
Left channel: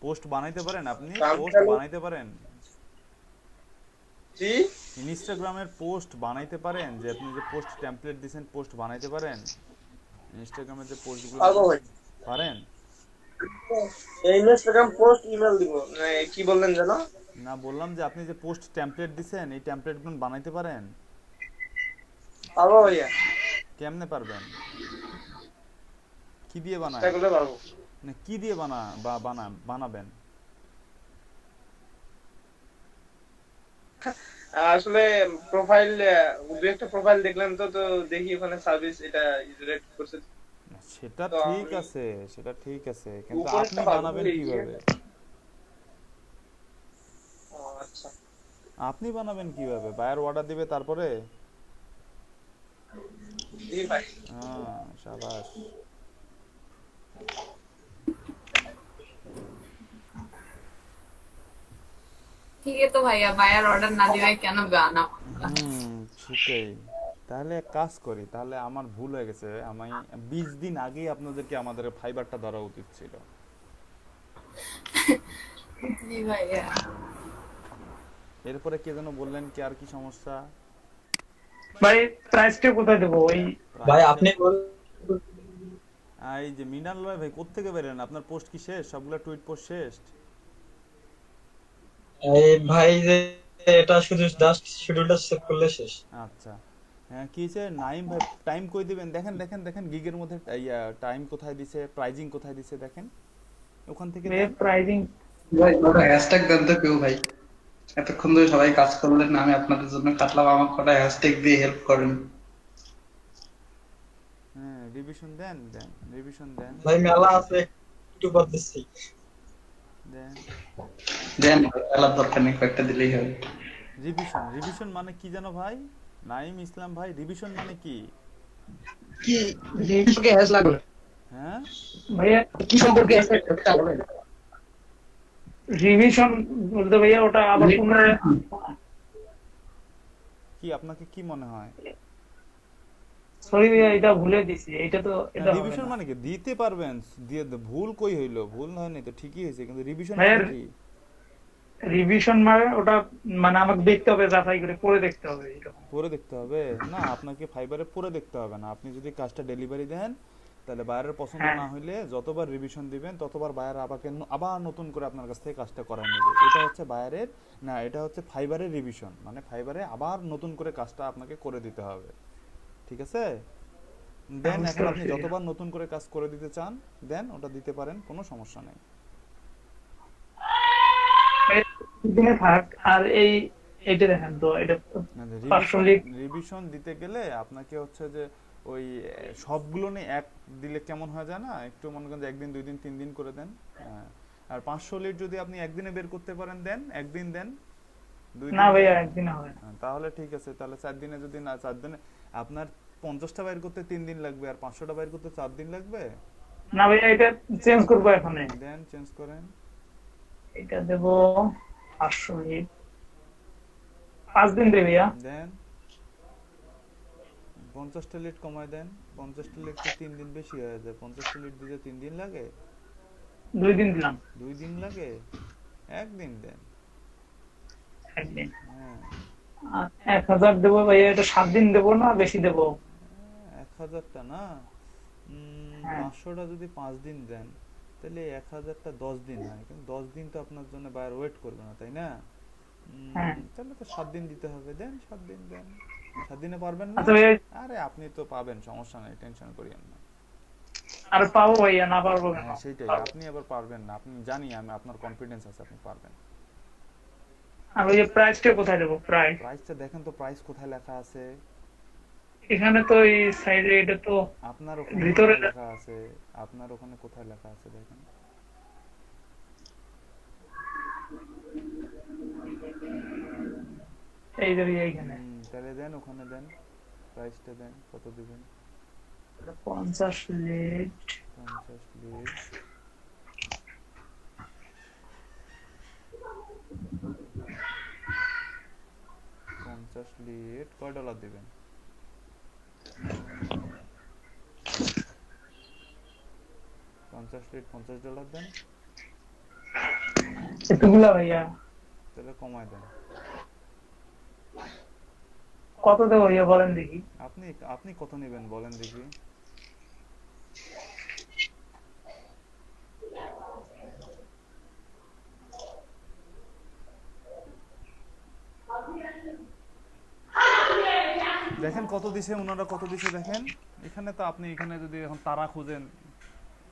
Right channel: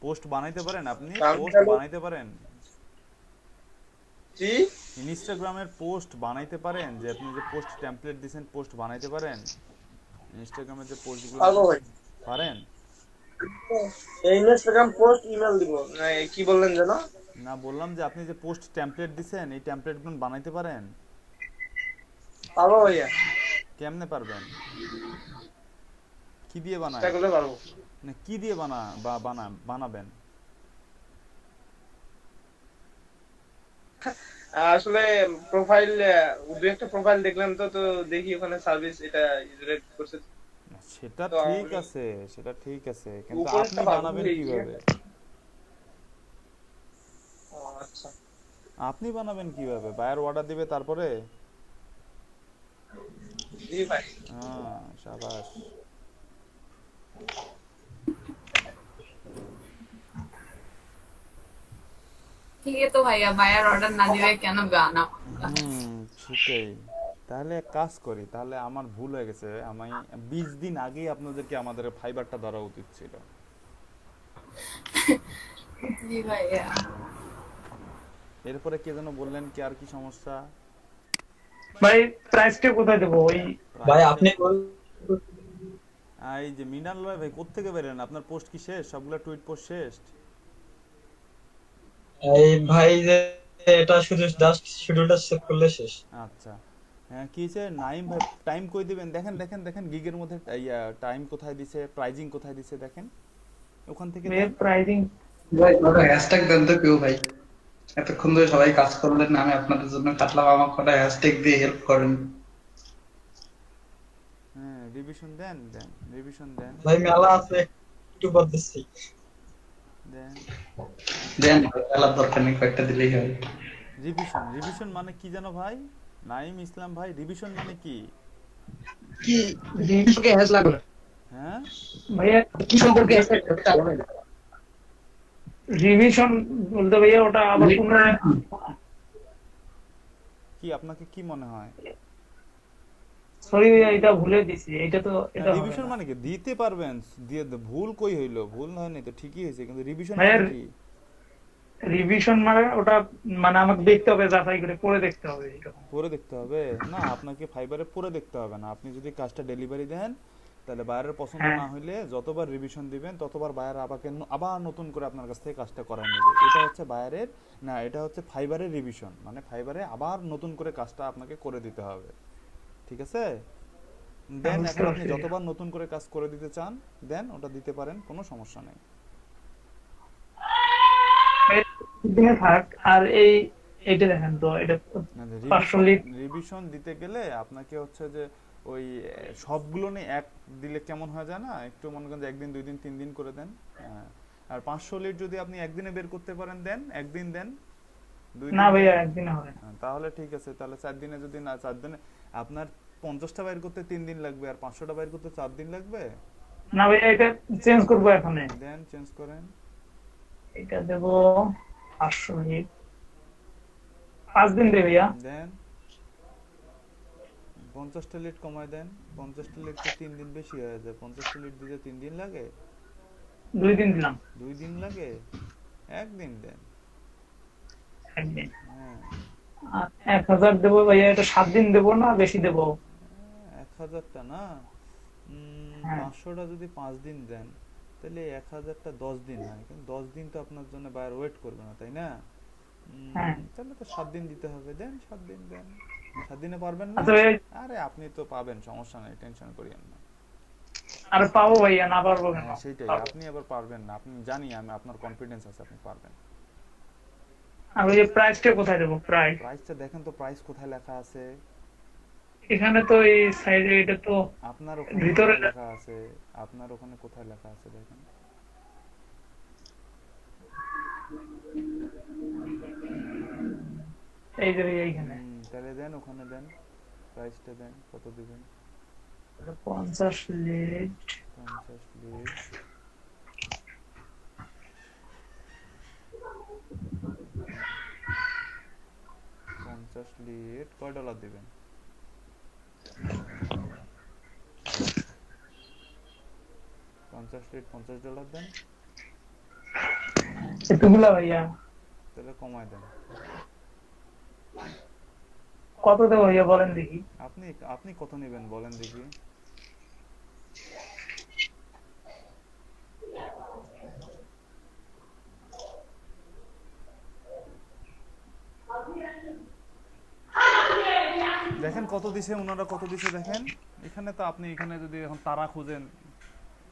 পোস্ট বানাইতে পারেন আপনি? পোস্ট বানাইতে পারেন? জি ইনস্টাগ্রামের পোস্ট বানাইতে পারেন? যে আপনি যে পোস্ট টেমপ্লেট দিয়েছেন, পোস্ট বানাইতে পারেন? ইনস্টাগ্রামের যে পোস্টগুলো পারবো ভাই। পারেন? এই ইনস্টাগ্রাম পোস্ট ইমেল দিব, কি বললেন যেন? না, বললাম যে আপনি যে পোস্ট টেমপ্লেট দিছেন, এই টেমপ্লেটগুলো বানাইতে পারেন? পারবো ভাইয়া, কেমনে পারবেন? কি দিয়ে বানায়? চেষ্টা করলে পারবো। না কি দিয়ে বানাবেন? আসলে প্রোফাইল, দু একটা প্রোফাইল দেখলাম তো, তো দেখি ওখানে সার্ভিস এটা রেট করছে। সেটা তো ঠিক আমি- আছে, সেটা ঠিক আছে, কিন্তু উপরটা আপনি পারবো বানাবেন এই- কিভাবে? ও আচ্ছা, আপনি বানাবেন কিভাবে? বায়ার অর্ডার দিবে তারপরে? জি ভাই। হ্যাঁ, শাবাশ। ठीक है तो भैया बायर ऑर्डर ना दिए কেন গানা সেটাই। তাহলে এক কাজ করি, তাহলে আমার ভুল হয়ে গেছে, আমি 20 দিন আগেই আপনাদেরকে আমাদের ফাইবারটা ধরা উচিত ছিল। জি ভাইয়া। এরপরে কে যেন বললেন কি, আর কি সমস্যা? ভাই প্রাইসটা কোথায় দেবো? ওই ভাই আপনি এই যে মিনাল রয় ভাই, কোত্থেকে বেরেন? আপনার পোস্ট কি শেষ? সবগুলা টুইট পোস্ট শেষ? এই ভাই যে এটা শুধু জাস্ট শিডিউলটা সেভ করলে শেষ। আচ্ছা, হ্যাঁ, কি হয়েছে নাইম ভাই? টাইম কই দিবেন? দেখেন দেখেন দেখেন, গিগের মধ্যে টাইম কোথায় দিছে, প্রাইজিং কোথায় দিছে, দেখেন ওখান থেকে দেন। প্রাইজিং ভাই ওটা হ্যাশট্যাগ দেন তো কেউ ভাই। এতক্ষণ ধরে সবাই কাজ করলেন, আমি আপনাদের জন্য কাটলাম, আমার কটা হ্যাশট্যাগ দিয়ে হেল্প করেন। হ্যাঁ, রিভিশন দেন, দেন রিভিশন দেন, ভাই মেলা আছে, একটু বাদ দিচ্ছি। দেন দেন, খেলার দরকার নেই, কয়েকটা দিলেই হয়। রিভিশন। রিভিশন মানে কি জানো ভাই? নাইম ইসলাম ভাই, রিভিশন মানে কি? কি সম্পর্কে হ্যাশ লাগলো? হ্যাঁ, ভাইয়া কি সম্পর্কে হ্যাশ লাগলো? রিভিশন বলতে ভাইয়া ওটা আবার পুনরায় কি আপনাকে কি মনে হয়? সরি ভাইয়া, এটা ভুলে দিছি। এটা তো এটা হবে রিভিশন না। মানে কি? দিতে পারবেন, দিয়ে ভুল কই হইলো? ভুল হয়নি তো, ঠিকই হয়েছে, কিন্তু রিভিশন ভাইয়া, মানে কি? রিভিশন মানে ওটা মানে আমাকে দেখতে হবে, যাচাই করে পরে দেখতে হবে এটা। পরে দেখতে হবে না, আপনাকে ফাইবারে পরে দেখতে হবে না। আপনি যদি কাজটা ডেলিভারি দেন, তাহলে বায়ারের পছন্দ হ্যাঁ। না হইলে যতবার রিভিশন দিবেন ততবার বায়ার আবার নতুন করে আপনার কাছ থেকে কাজটা করায় নেবে। এটা হচ্ছে বায়ারের না, এটা হচ্ছে ফাইবারের রিভিশন, মানে ফাইবারে আবার নতুন করে কাজটা আপনাকে করে দিতে হবে। ঠিক আছে? দেন, বুঝতে এখন আপনি পারছি। যতবার নতুন করে কাজ করে দিতে চান দেন, ওটা দিতে পারেন, কোনো সমস্যা নেই। দিনে থাক। আর এইটা দেখেন তো, এটা তো 500 লিট। রিভিশন দিতে গেলে আপনাকে হচ্ছে যে ওই সবগুলো নিয়ে এক দিলে কেমন হয়ে যায় না, একটু মনে করেন যে 1 দিন 2 দিন 3 দিন করে দেন। হ্যাঁ, আর 500 লিট যদি আপনি একদিনে বের করতে পারেন দেন, একদিন দেন, 2 দিন না দেন। ভাইয়া একদিনে হবে না। তাহলে ঠিক আছে, তাহলে 4 দিনে যদি না, 4 দিনে আপনার 50টা বাইর করতে 3 দিন লাগবে, আর 500টা বাইর করতে 4 দিন লাগবে। না ভাইয়া, এটা চেঞ্জ করবো এখন। দেন, চেঞ্জ করেন। এটা দেবো 500 লিট, 5 দিন দেবে ভাইয়া। দেন 50টা লিট কমায় দেন। 50টা লিট তো 3 দিন বেশি হয়ে যায়। 50টা লিট দিতে 3 দিন লাগে? 2 দিন দিলাম। 2 দিন লাগে? 1 দিন দেন। একদিন। হ্যাঁ, আর 1000 দেবো ভাইয়া, এটা 7 দিন দেবো না বেশি দেবো? 1000টা না, হ্যাঁ। 500টা যদি 5 দিন দেন, তাহলে 1000টা 10 দিন হয়, কিন্তু 10 দিন তো আপনার জন্য বায়ার ওয়েট করবে না, তাই না? হ্যাঁ। তাহলে তো 7 দিন দিতে হবে। দেন 7 দিন দেন। 7 দিনে পারবেন না? আচ্ছা ভাইয়া, আরে আপনি তো পাবেন, সমস্যা নেই, টেনশন করিয়েন না। আর পাবো ভাইয়া, না পারবো কেন? হ্যাঁ, সেটাই, পারবো। আপনি আবার পারবেন না, আপনি জানি, আমি আপনার কনফিডেন্স আছে, আপনি পারবেন। আর ওই যে প্রাইসটা কোথায় দেবো? প্রাইস প্রাইসটা দেখেন তো, প্রাইস কোথায় লেখা আছে? এখানে তো এই সাইডে, এটা তো আপনার ওখানে ভিতরে কোথায় লেখা আছে? আপনার ওখানে কোথায় লেখা আছে দেখেন। এই যে ভাইয়া এইখানে তাহলে দেন, ওখানে দেন, প্রাইসটা দেন, কত দিবেন? 50 লিট। 50 লিট। 50 লিড কয় ডলার দিবেন? $50 দেন, এতগুলা ভাইয়া তাহলে কমায় দেন। কত দেবো ভাইয়া বলেন দেখি। আপনি আপনি কত নেবেন বলেন দেখি। দেখেন কত দিছে ওনারা, কত দিছে দেখেন। এখানে তো আপনি এখানে যদি এখন তারা খুঁজেন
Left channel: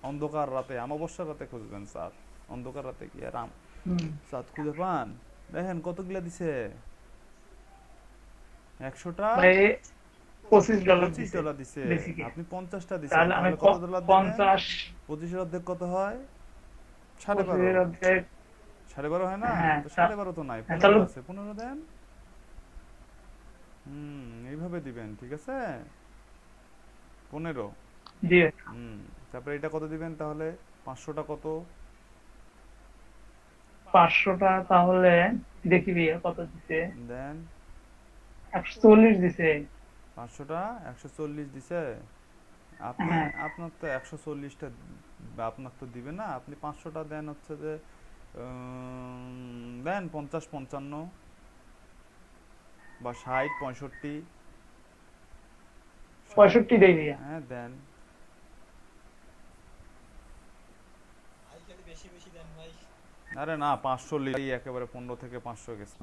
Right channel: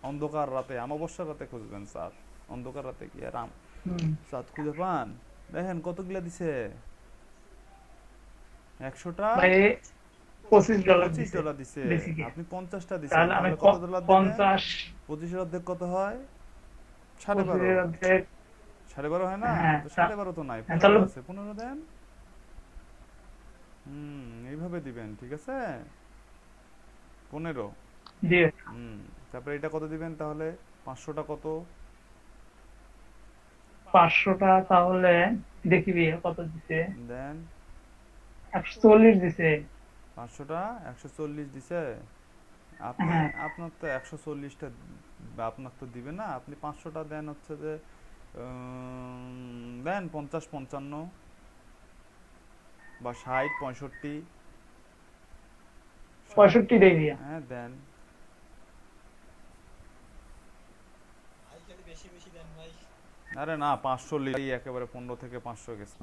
অন্ধকার রাতে, অমাবস্যার রাতে খুঁজবেন চাঁদ, অন্ধকার রাতে কি আর চাঁদ খুঁজে পান? দেখেন কতগুলা দিছে, 100টা ভাই $25 $25 দিছে, বেসিকে। আপনি 50টা দিছেন, তাহলে আমি তাহলে কত ডলার দিবেন? 50 25 এর অর্ধেক কত হয়? 12.5 অর্ধেক 12.5 হয় না? হ্যাঁ, তো 12.5 তো নাই, হ্যাঁ, 15 তাহলে- আছে, 15 দেন। এইভাবে দিবেন, ঠিক আছে? 15। জি তারপরে এটা কত দিবেন তাহলে? 500টা কত? 500টা তাহলে দেখি ভাইয়া কত দিছে। দেন 140 দিছে। 500টা 140 দিছে। আপনি হ্যাঁ। আপনার তো 140টা আপনার তো দিবে না, আপনি 500টা দেন হচ্ছে যে দেন 50 55 বা 60 65। 65 দেই ভাইয়া। হ্যাঁ দেন। ভাই খালি বেশি বেশি দেন ভাই। আরে না, 500 লিডই একেবারে 15 থেকে 500 গেছে।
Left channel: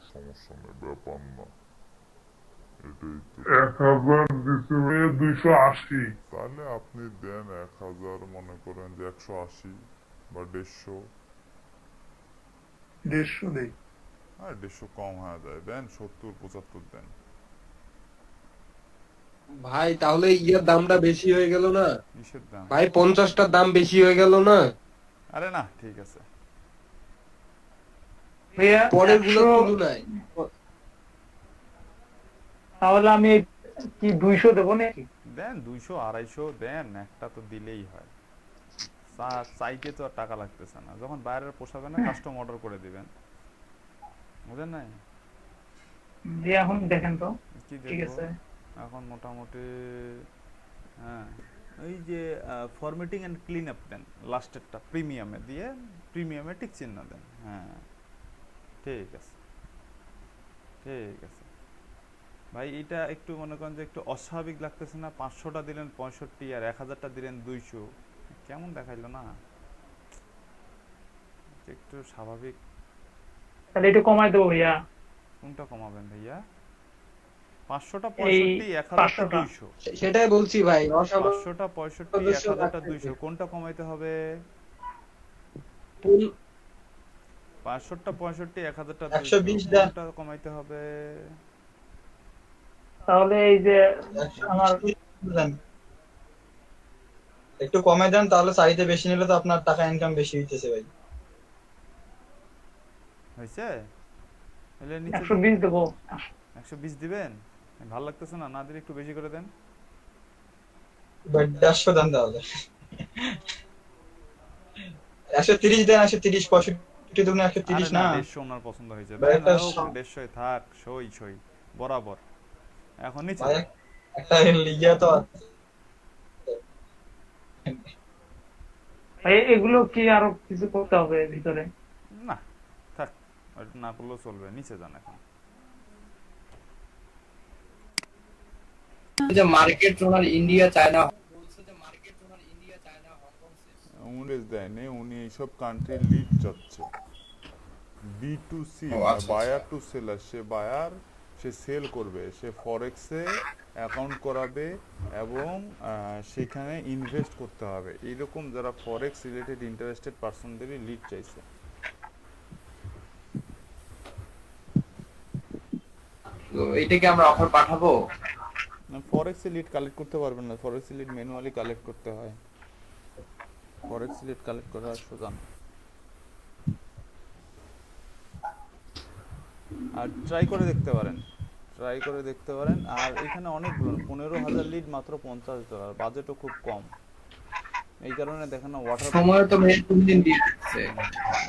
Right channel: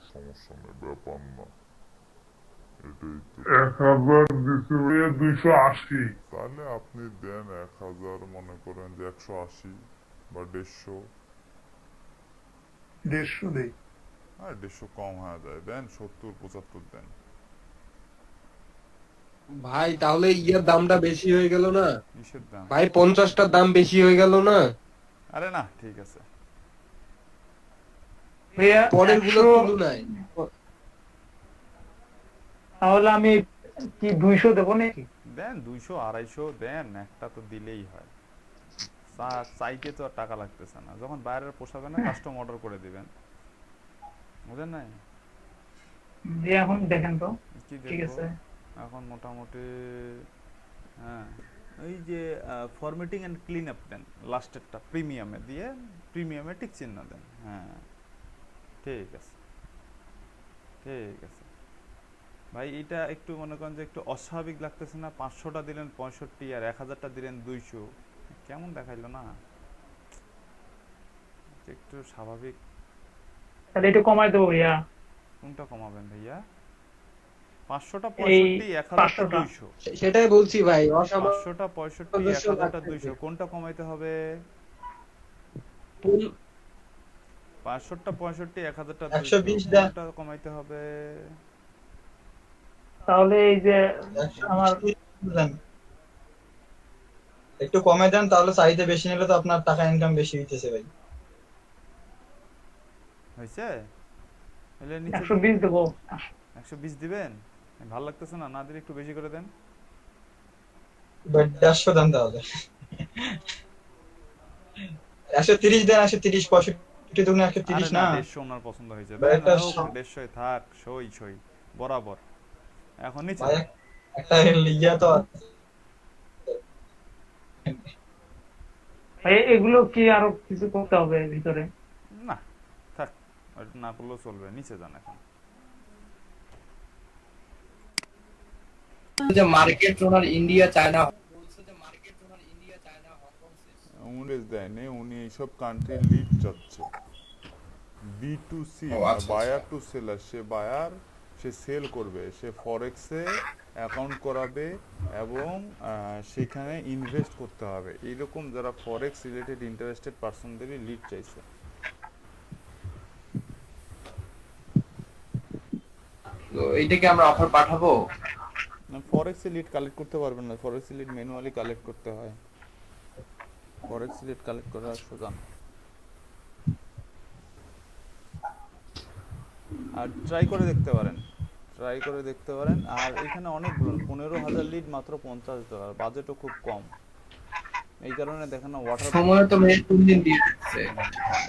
সমস্যা নেই, ব্যাপার না, এটাই তো। 1000 দিছে 280, তাহলে আপনি দেন 1000, মনে করেন যে 180 বা 150। 150 দেই। হ্যাঁ 150 কম হয়ে যায়, দেন 70 75 দেন। ভাই তাহলে ইয়ার দামটা বেশি হয়ে গেল না কিসের দাম? ভাই? 50টার দাম বেশি হয়ে গেল না? আরে না, ঠিক আছে। ভাইয়া পরের গুলো 100 তুলনায় তাহলে আমি কি 200 দেবো নাকি? দেন 200 250 দেন, একটা তো দিলেই হয়। চাইতে তো আর টাকা লাগতেছে না, যখন বাইরের পোষাবে না কাস্টম অর্ডার করে দিবেন, বুঝেন নাই? জি এখন দেখেন তো। কি ঠিক দেখবো আছে। এখন মোটামুটি? হ্যাঁ, এই যে ফরম্যাটিং এন্ড ক্লিন আপ দেন, লাস্টেরটা প্রিমিয়ামে দিয়ে প্রিমিয়ামে টিক চিহ্ন দেন। হ্যাঁ ঠিক আছে, ঠিক আছে ভাই। এটা একটু মনে করেন যে একটু অস্বাভাবিক লাগতেছে না? 500টা দিলেন 65 আর 1000টা দিলেন 200, কেমন দেখাইলো না? একটু স্বাভাবিক। তাহলে একটু কমাই দেবো ভাইয়া। কোনটা কমাবেন ভাইয়া? 500টা এই 65, 1000টা 500টা। 200। সেটাই বলছি ভাই, অসামান্য 500টা 65, 1000টা 200, কোনটা কমাইতে হবে? 500টা 65, 1000টা 120 200, দেন। কোনটা কমাইতে হবে? তাহলে এই যে আমার 120 দেন। একটু কমে দেন, তাহলে চাইতে বেশি নিলে তো আপনার টাকা ইনকাম বেশি হইতেছে ভাই। হয়েছে? এলে নিচে 120 দেবো। 120 দিবেন? ভালো লাগতেছে না, না দিলে একটু বেশি করে দেন। ভাই 150 দেন তাহলে। 130 দেন, 130 65 দুগুণে আরে 130 না, না। 150 ওনার পছন্দ হয়েছে। ভাই, দেন একটা 150 থাক, সই সই বরাবর। এখন নিচে ভাই একটা লিগা তো ভাই এগুলো কি আরো কিছু করতে হবে ভিতরে? না থাক, ওটা না করলেও চলবে। নিচে যান এখন। যে মার্কেট ওনার ইন্ডিয়া চায়না উনি দেয়নি, উনি এইসব কান্ট্রির লিড চাচ্ছে। B2C, buyer to seller. সে বায়ার, সে সেল করবে, সে ফরেক্সে অ্যাকাউন্ট করাবে এবং সেখানে ইনভেস্ট করতে হবে। এইরকম যারা ফরেক্স রিলেটেড ইন্টারেস্টেড পার্সনদেরই লিড চাইছে। তো এইটাকে আমরা অফার পাঠাবো। ফরেক্সে লিড কালেক্ট করতে পারবেন না, ফরেক্সে লিড ম্যানুয়ালি কালেক্ট করতে হয়। ফরেক্স লিড কালেক্ট করা সোজা না। আর ট্রাই করে দেখতে পারেন, ট্রাই করে দেখতে পারেন। আর এখানে অনেকগুলো 15,000 লিড মাত্র $50, বাজেটও খুব কম। এই কারণে দেখেন না ওয়াটার সময় তো মেল 3 দিন দিয়ে দিচ্ছে।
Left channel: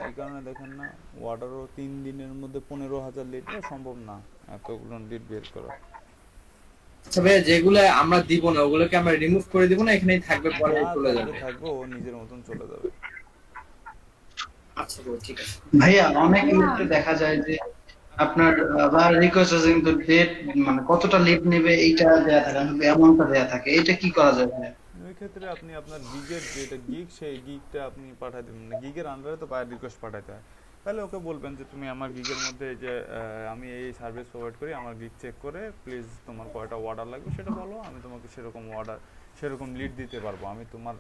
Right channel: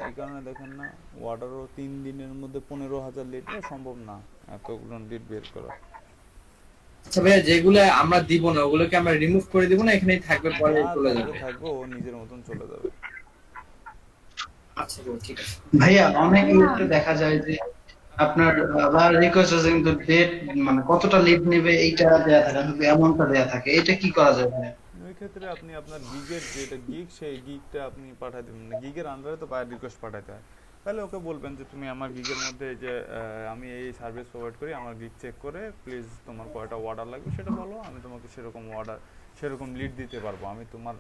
এই কারণে দেখেন না ওয়াটারও 3 দিনের মধ্যে 15,000 লিটার সম্ভব না এতগুলো লিট বের করা। আচ্ছা ভাইয়া, যেগুলো আমরা দিব না ওগুলোকে আমরা রিমুভ করে দিব না এখানেই থাকবে, পরে যা চলে থাকবে যাবে? থাকবে, ও নিজের মতন চলে যাবে। আচ্ছা bro, ঠিক আছে। ভাইয়া অনেক ক্ষেত্রে দেখা যায় যে আপনার রিকোয়েস্ট আছে কিন্তু ডেট মানে কতটা লিড নেবে এইটা দেয়া থাকে, অ্যামাউন্টটা দেয়া থাকে, এটা কি করা যায় ভাইয়া? ওই ক্ষেত্রে আপনি আপনার গিগের যেটা গিগ সেই গিগটা আপনি পাঠাই দেবেন, মানে গিগের আন্ডারে তো বায়ার রিকোয়েস্ট পাঠাতে হয়। তাহলে ওকে বলবেন যে তুমি আমার গিগের মধ্যে এই যে আমি এই সার্ভিস প্রোভাইড করি, আমার গিগ চেক করে প্লিজ তোমার কয়টা অর্ডার লাগবে সেটা বলো, আমি তোমাকে সেরকম লিড দিতে পারবো। আমি তোমার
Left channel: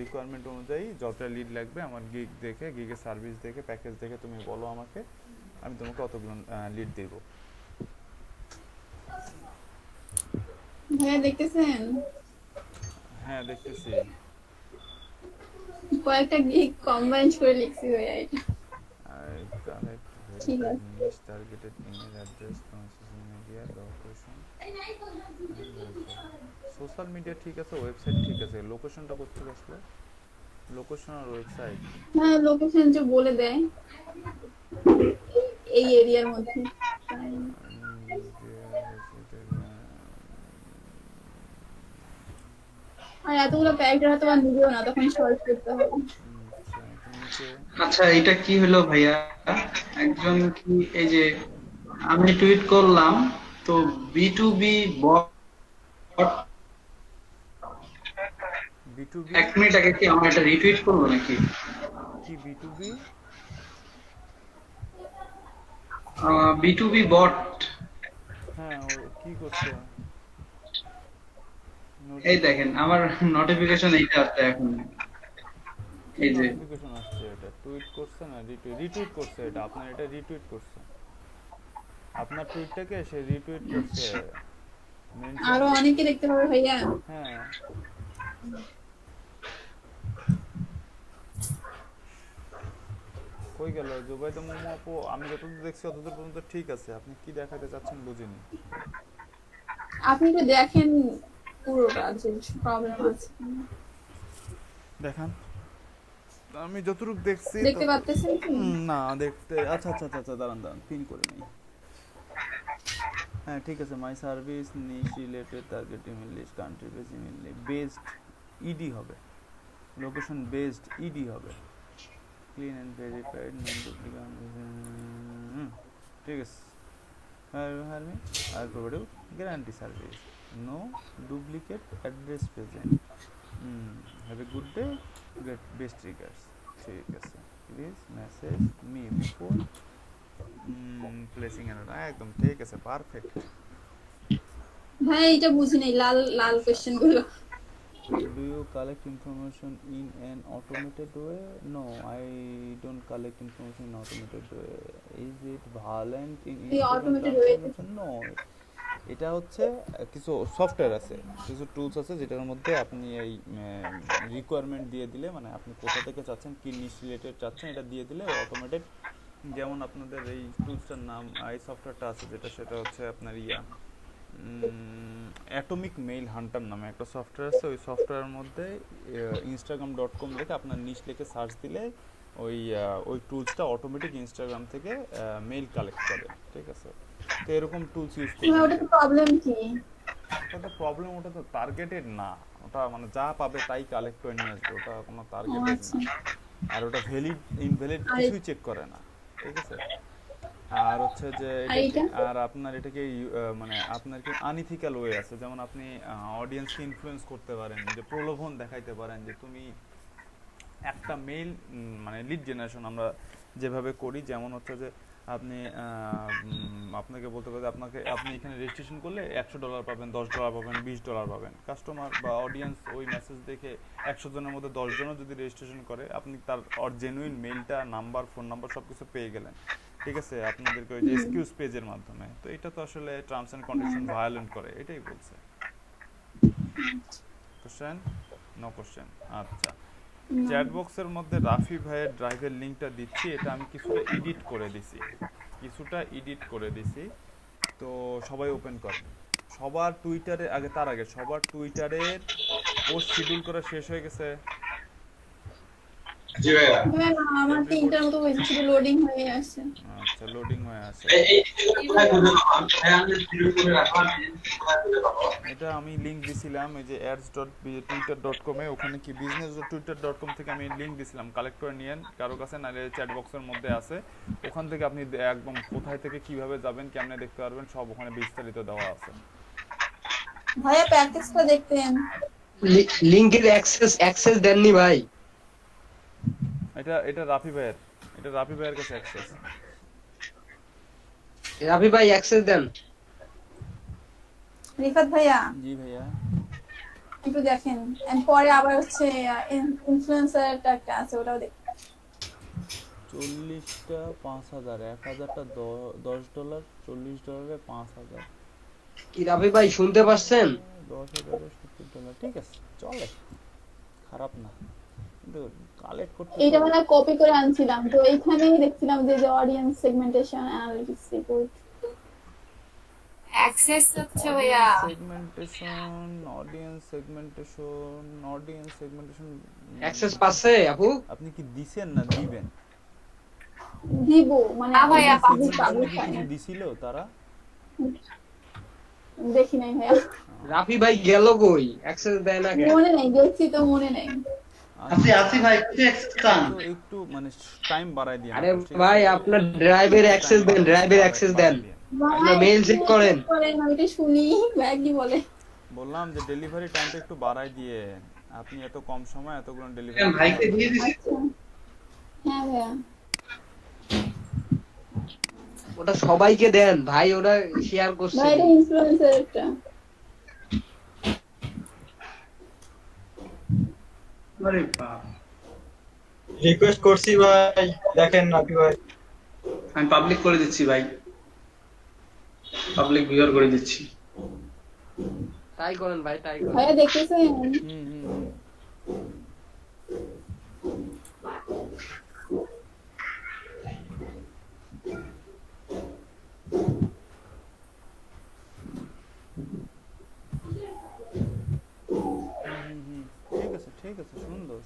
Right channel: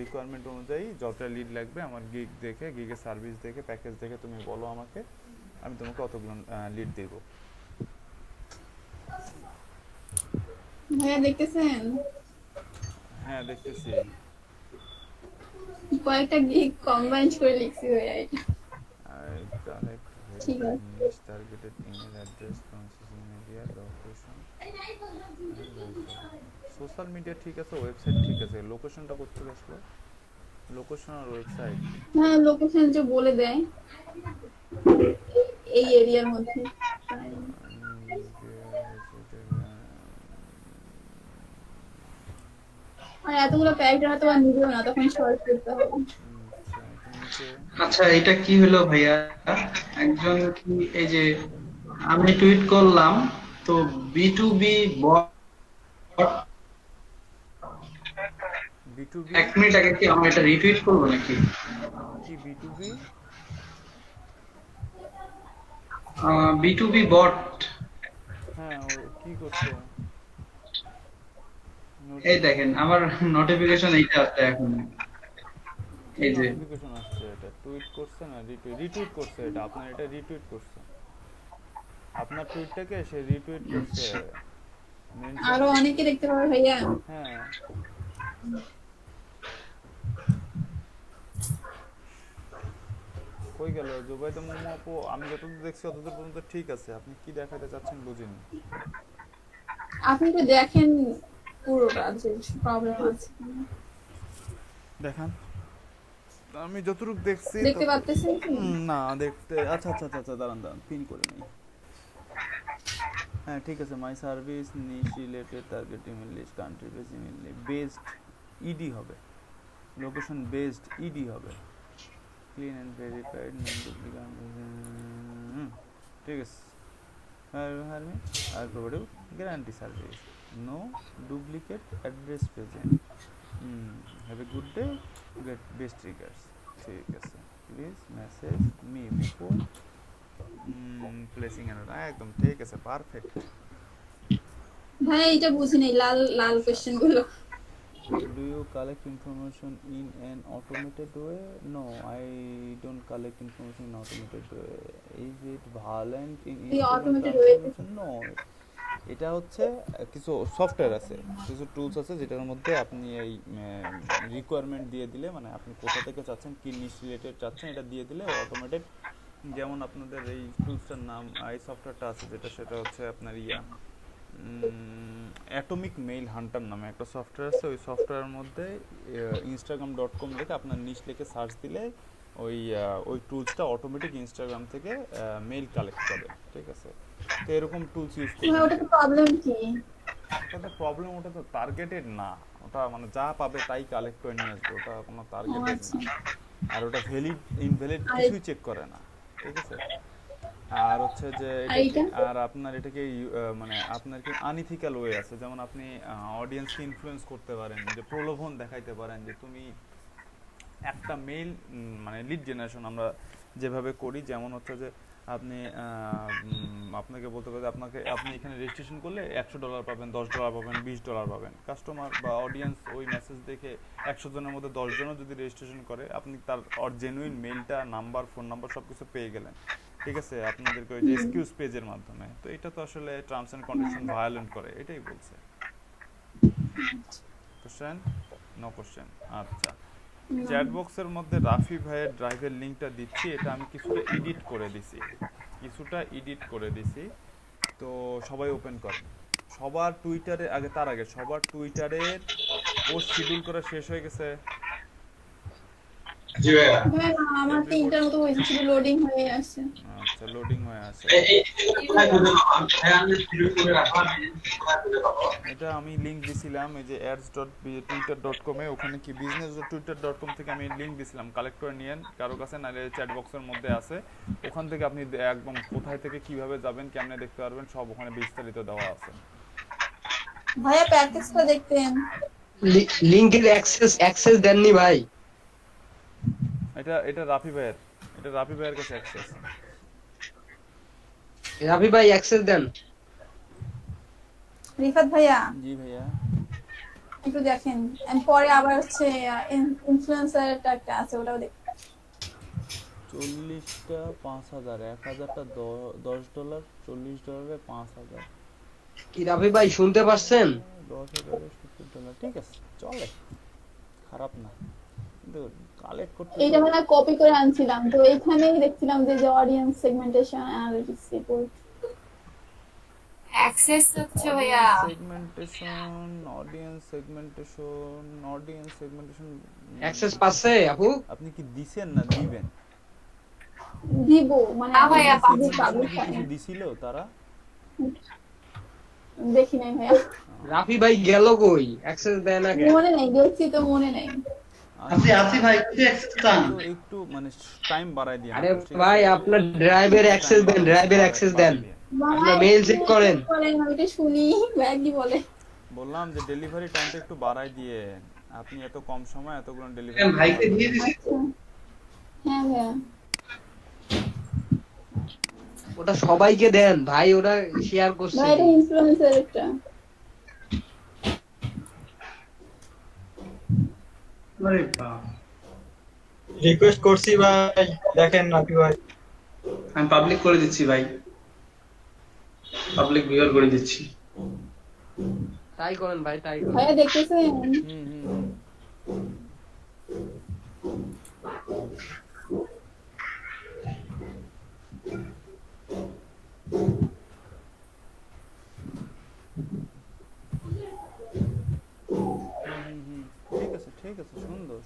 রিকোয়ারমেন্ট অনুযায়ী যতটা লিড লাগবে আমার গিগ দেখে, গিগের সার্ভিস দেখে, প্যাকেজ দেখে তুমি বলো আমাকে, আমি তোমাকে অতগুলো লিড দেবো। ভাইয়া দেখতেছেন হ্যাঁ দেখতেছি। কয়েকটা গিগ কম্বাইন করে লিখছি ভাইয়া এটা। I collect ঠিক verified আছে। niche targeted email address from social media location social media ঠিক আছে, ওয়েবসাইট ঠিক আছে, লোকেশনটা কোথা থেকে আসলো? লোকেশন আর ওয়েবসাইট হ্যাঁ লোকেশন যে বলে দেয় এই এরিয়ার মধ্যে। আর এতগুলো ক্যারেক্টার হয়তো বা নিবেও না, তখন সর্চ করতে হবে। আচ্ছা এটা কি হলো ভাইয়া, একজন কি এই যে আমি টুইট করলাম তো B2B বট B2B 1 মিনিট আগে কি আমার এটা রিটুইট করবো নাকি? কি B2B? B2B বট হ্যাঁ ও কি করছে? এই দেখেন আমার নোটিফিকেশন এইটা আসছে এখন, এই যে নোটিফিকেশন আসছে, এটা টুইট করছে না রিটুইট করছে, এটা আপনার এটা রিটুইট করছে, আপনার টুইটটাকে সে রিটুইট করছে। আরো অনেকে দেখতে পাবে ভাইয়া। হ্যাঁ কই গেল জুবাইদা মোমো আপু? আমি যতদূর দেখছি ততদূর পর্যন্ত ঠিক আছে, আপনি কি দেখাতে চাচ্ছেন বুঝিনি। আপনি তো দেখেন পুরোটা যে প্রবলেম আছে দেখান। আমি যতটুকু দেখছি দেখতে পাচ্ছেন কি? না দেখতে, আচ্ছা আচ্ছা আচ্ছা দাঁড়ান পিন করে নেই। হ্যাঁ ঠিক আছে, my service niche related target email list country base email based ID হবে, লোকেশন বেসড ইডি হবে, clean and verified non duplicate. ঠিক আছে, আর provide guarantee service, no duplicate address present, have a good day, get best regards. ঠিক আছে, please message me before placing order. একদম ঠিক আছে, পারফেক্ট। ভাই এটা বুঝি নাই, লাল লাল কোশ্চেন গুলো। Do you collect information in an automated way? No, I don't collect information in automated way. Is it violent in Instagram automated way? transformation? No. এটা হচ্ছে কিছু সফটওয়্যার আছে, কিছু টুলস আছে যেটার মধ্যে আপনি এই রিকোয়ারমেন্ট দিয়ে দিলে, মানে আপনি কোথা থেকে চাচ্ছেন, কি নিশ রিলেটেড চাচ্ছেন, এটা দিয়ে দিলে অটোমেটেড। যেমন আপনাদের এই টুলসটার নাম এই সফটওয়্যারটা আছে যেটা, সেটা হচ্ছে আপনার অ্যাটমিক মেইল হান্টার নামে একটা সফটওয়্যার আছে। ওই সফটওয়্যারের মধ্যে instagram.com লিখে আপনার নিশ লিখে সার্চ দিলে ওই টুলসটা অটোমেটিক ইনস্টাগ্রাম থেকে মেইল কালেক্ট করে। ঠিক আছে, তো এরকম টুলস ইউজ করতে ওটা তো প্রবলেম কি? ওটা প্রবলেম, ওটা তো টার্গেটেড না, ওটা মানে যা পাবে তাই কালেক্ট করে নিয়ে আসবে, ওটা কোনো টার্গেটেড না। আর ওটা ভ্যালিড ইনভ্যালিড কিছুই চেক করে না। ঠিক আছে, আর হচ্ছে যে আর আপনার এটাকে মানে আপনার কি আনইথিক্যাল ওয়ে আছে, যেমন আপনি অডিয়েন্সকে ইনফ্লুয়েন্স করতে পারেন, যে প্রলোভন দেখাইতে পারেন যে তুমি একটা মেইল মানে লিড জেনারেশন আমরা যেভাবে করি, যেমন হচ্ছে যে আপনি আপনাকে বলতে পারেন আপনি এখানে রেজিস্ট্রেশন করলে $100 পাবেন, $10 পাবেন, $20 পাবেন। কাস্টমার বা অডিয়েন্স ওই মেসেজ দেখে 100 জনের মধ্যে 10 জনও যদি রেজিস্ট্রেশন করে, আপনি তার জেনুইন মেইলটা, নাম্বার, ফোন নাম্বার সব কিছু পেয়ে গেলেন। ঠিক আছে, আপনাদেরকে ওই যে এক্সকিউজ পেজের মাধ্যমে। তো এটা তো আসলে টার্মস এন্ড কন্ডিশন ভায়োলেন্ট করে, এটাই বলছে। কোশ্চেন? No question. আচ্ছা, চ্যাট বক্সের মধ্যে রাফি ভাইয়ের ড্রাইভের লিংকটা দিচ্ছি, এটা আমি কিছুটা এডিট করে দিছি, তো সবাই ওপেন করেন। সবার টুইটারে আগে, তার আগে সবার টুইটারের পোস্ট শিডিউল করা শেষ হয়ে গেছে? জি ভাইয়া। হ্যাঁ আমার 3টার মতো হয়েছে, শুধু লোডিং হয়ে আসছে। আচ্ছা, লোডিং হয়ে আছে। কোথায় খুঁজে পাবো? ভাইয়া আমি শিডিউল করে রাখলাম, কোথায় খুঁজে পাবো? এটা আমি লিংক দিছিলাম এই যে ads.twitter.com এ, ওখানে কি business.twitter.com থেকে আমি লিংক দিছিলাম, কালেক্ট করে নিয়েন কারো কাছে, নাহলে চ্যাট বক্সের মধ্যে আছে, ওখান থেকে আপনি একদম কোথায় থেকে কিভাবে যাবেন কেমনে দেখতে পারবেন সব ওখানে বিস্তারিত দেওয়া আছে। ভাইয়া প্যাকেজটা দেখতেন। লিংকের অ্যাক্সেস দেননি ভাই? এটা রাফি ভাইয়ের কাছে অ্যাক্সেস। রাফি ভাই অ্যাক্সেস দেন। রিফাত ভাইয়া জি ভাইয়া, একটু দেখেন, and পরে আবার হচ্ছে ইনফ্লুয়েন্সারটা একটা আছে, ওটাও দেখেন। 40টা 5000, 1000টা $10, $40 5000, কি রাফি ভাই শুনতে পাচ্ছেন? $10,000 $70, ঠিক আছে, চলে, খারাপ না, কিন্তু কালেক্ট করতে এইটা মানে কপি করে আনছিলাম, তো এইখানেই দেখছিলাম যে audience segmentation analytics report. Access হচ্ছে ভাইয়া অডিয়েন্স সেগমেন্টেশন অ্যাক্সেস পাচ্ছে আপু? আপনি কি দিবেন না দিবেন? দিব মানে না ভাইয়া, কিছু দিছিল তারা? দেখি নাই ভাইয়া, রাফি ভাই গেল কই? অ্যাক্সেস দেয় না কেন? মনে নাই, দেখছি তো মনে নাই। আপনি আসি ভাই একটু অ্যাক্সেস চান? তো একটু মানে টাইম বাড়ায় দিন। আরে ভাই আপনার ড্রাইভের অ্যাক্সেস দেন, ড্রাইভের অ্যাক্সেস দেন, আপনার মেইল চেক করেন। আমি তো শুনি ভাইয়া কি বলে। বললাম যে ডেলিভারি টাইমটা একটু বাড়ায় দিয়ে, আপনি এত কম সময় এতগুলো ডেলিভারি ভাইকে দিয়ে দিছি। আচ্ছা হ্যাঁ ভাইয়া, ওটা সবাইকে দেন ভাই, ওরা শেয়ার করছে। ভাই এটা ইনফ্লুয়েন্সার একটা। আরে বাপ, রিকোয়েস্ট করছি ভাই, দেখেন নাকি ভাই। আমি পাবলিক করে দিচ্ছি ভাই, পাবলিক ভিউয়ার করে দিচ্ছি। তাই করেন ভাই, তাই করেন। ভাইয়া দেখতেছেন? ঠিক আছে, সুন্দর,